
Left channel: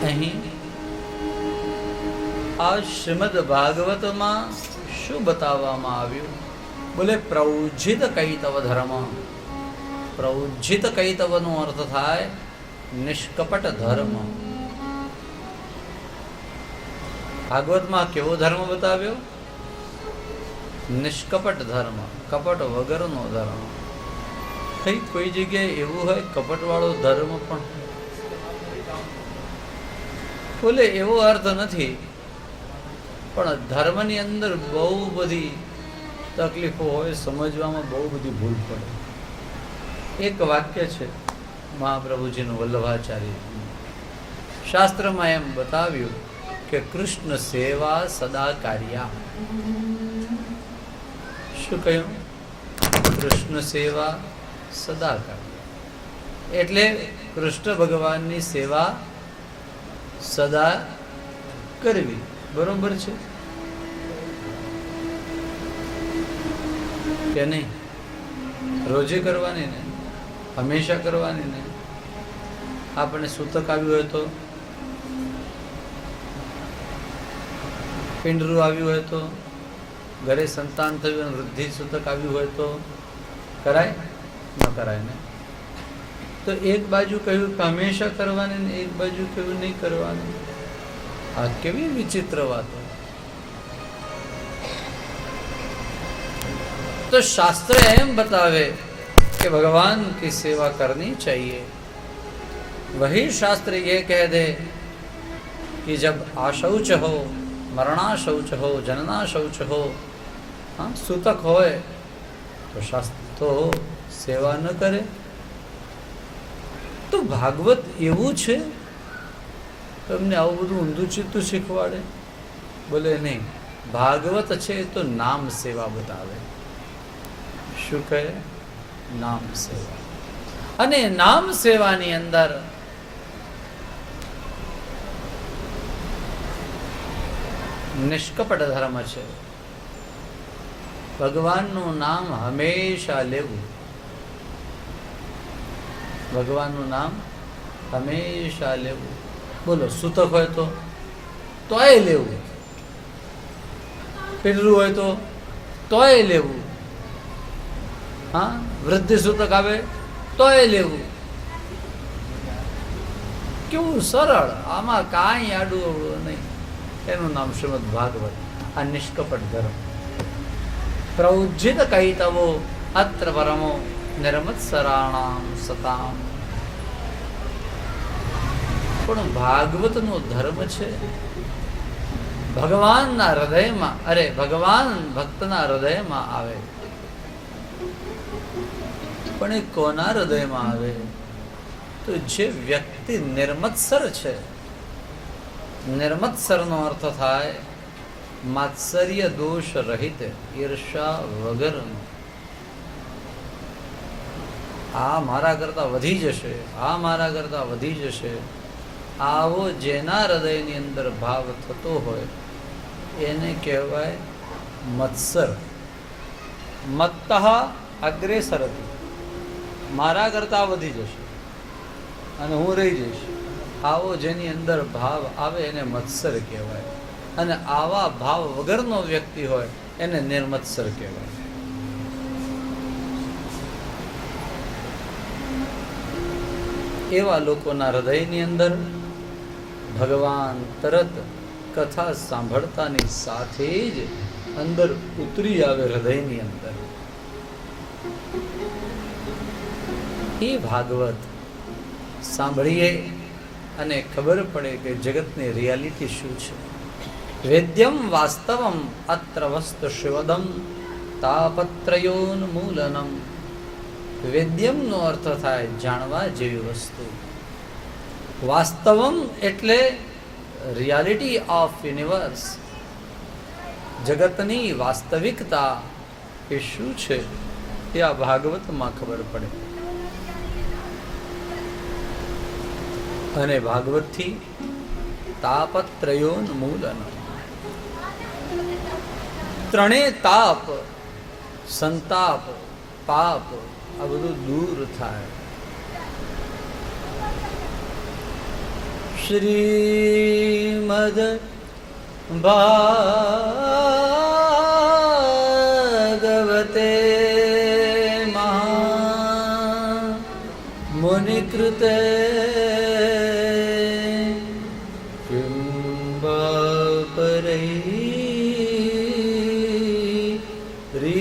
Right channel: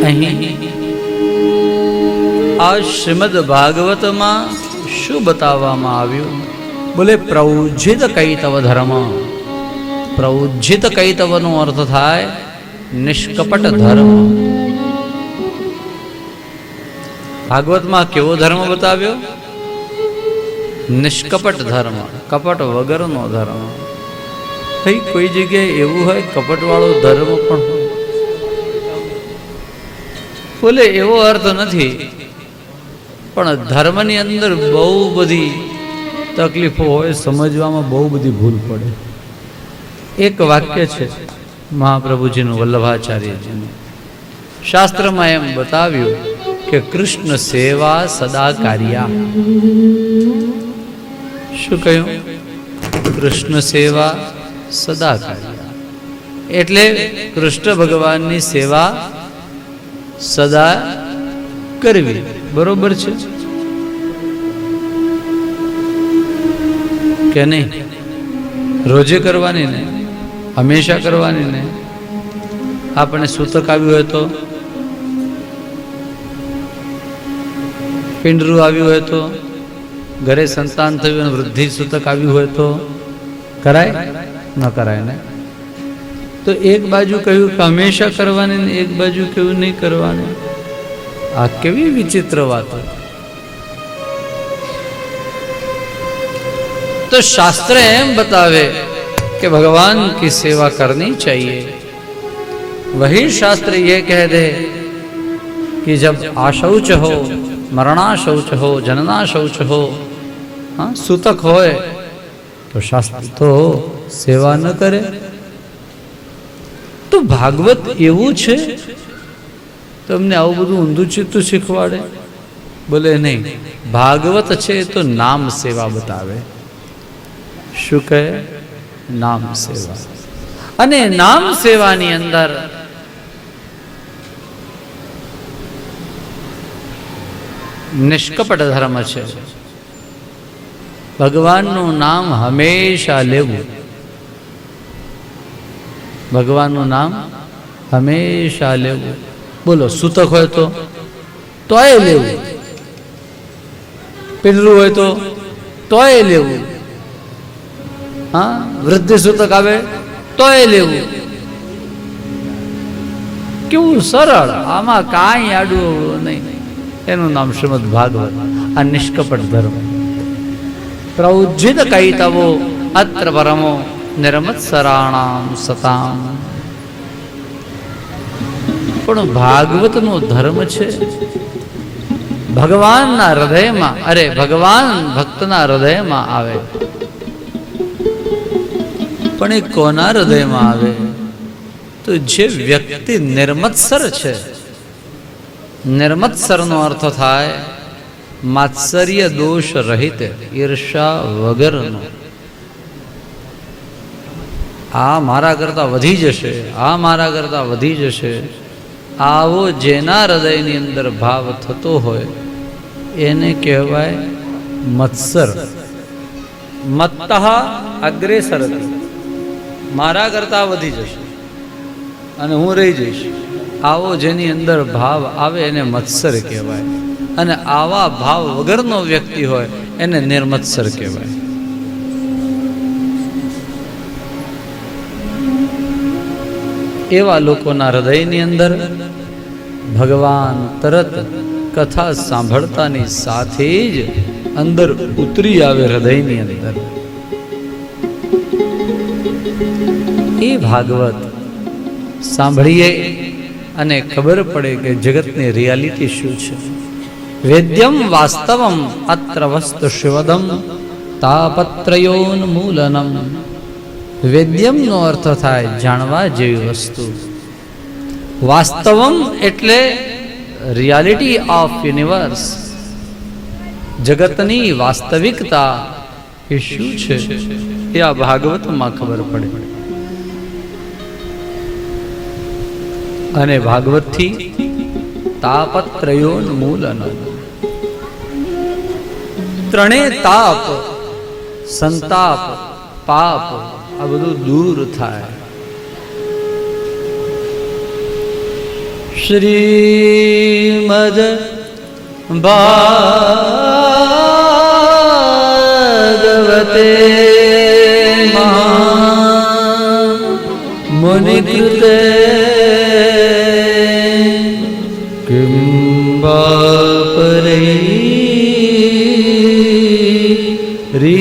અહીં આ શ્રીમદ ભાગવતમાં શું બતાવવામાં આવ્યું? બોલે પ્રૌજિત કૈતવ ધર્મ. પ્રૌજિત કૈતવનો અર્થ થાય નિષ્કપટ ધર્મ. ભાગવતમાં કેવો ધર્મ બતાવ્યો? નિષ્કપટ ધર્મ, કપટ વગરનો ધર્મ. ભાઈ કોઈ જગ્યાએ એવું હોય કપટવાળો ધર્મ પણ હોય? બોલે એવો અર્થ નથી, પણ ધર્મની અંદર બહુ બધી તકલીફો હોય, સમજવામાં બહુ બધી ભૂલ પડે. એક વાક્ય છે મહાપ્રભુજીનું, વલ્લભાચાર્યજીનું. શાસ્ત્રમાં એમ બતાવ્યું કે કૃષ્ણ સેવા સદા કાર્યા. શું કહ્યું? કૃષ્ણ સેવા સદા કાર્યા. એટલે કૃષ્ણ ભગવાનની સેવા સદા કરવી. બરોબર છે કે નહીં? રોજે કરવાની ને, હંમેશા કરવાની ને. આપણે સૂતક આવ્યું હોય તો, પિંડરું આવ્યું હોય તો, ઘરે સંતાન થયું અને વૃદ્ધિ સૂતક આવ્યું હોય તો કરાય? ન કરાય ને. તો એક બાજુ કહ્યું કે હંમેશા કરવાની ને એક બાજુ કહ્યું નહીં કરવાની. આ કેવી વિચિત્ર વાતો. तो शास्त्र एम बतावे कि भगवान की सेवा करनी चाहिए. वही शास्त्र ये कह दे कि जब आशौच हो, मरणाशौच हो, जननाशौच हो, हाँ सूतक होए तो शास्त्र तो सेवा न करे. तो भागवत एवं छे તમને આવું બધું ઊંધું ચિત્તું શીખવાડે? બોલે નહીં, ભાગવત છે તો નામ સેવા બતાવે. શું કહે? નામ સેવા. અને નામ સેવાની અંદર નિષ્કપટ ધર્મ છે. ભગવાનનું નામ હંમેશા લેવું. ભગવાનનું નામ હંમેશા લેવું. બોલો, સૂતક હોય તો તોય લેવું, પિંડરું હોય તો તોય લેવું, હા વૃદ્ધ સૂતક આવે તોય લેવું. કેવું સરળ, આમાં કાંઈ આડું નહીં. એનું નામ શ્રીમદ ભાગવત. આ નિષ્કપટ ધર્મ. પ્રૌજિત કૈતવો અત્ર પરમો નિર્મત્સરાણામ સતામ. પણ ભાગવતનો ધર્મ છે ભગવાનના હૃદયમાં, અરે ભગવાન ભક્તના હૃદયમાં આવે. પણ એ કોના હૃદયમાં આવે? તો જે વ્યક્તિ નિર્મત્સર છે. નિર્મત્સરનો અર્થ થાય માત્સર્ય દોષ રહિત, ઈર્ષા વગરનો. આ મારા કરતા વધી જશે, આ મારા કરતા વધી જશે, આવો જેના હૃદયની અંદર ભાવ થતો હોય એને કહેવાય મત્સર. મત્તઃ અગ્રેસરતિ, મારા કરતા વધી જશે અને હું રહી જઈશ, આવો જેની અંદર ભાવ આવે એને મત્સર કહેવાય. અને આવા ભાવ વગરનો વ્યક્તિ હોય એને નિર્મત્સર કહેવાય. એવા લોકોના હૃદયની અંદર ભગવાન તરત કથા સાંભળતાની સાથે જ અંદર ઉતરી આવે. હૃદયની અંદર એ ભાગવત સાંભળીએ અને ખબર પડે કે જગતની રિયાલિટી શું છે. વેદ્યમ વાસ્તવમ અત્ર વસ્તુ શિવદમ તાપત્રયોન્મૂલનમ. વેદ્યમનો અર્થ થાય જાણવા જેવી વસ્તુ. વાસ્તવમ એટલે રિયાલિટી ઓફ યુનિવર્સ, જગતની વાસ્તવિકતા એ શું છે એ આ ભાગવતમાં ખબર પડે. અને ભાગવતથી તાપત્રયોન્મૂલન, ત્રણેય તાપ, સંતાપ, પાપ, આ બધું દૂર થાય. શ્રીમદ ભાગવતે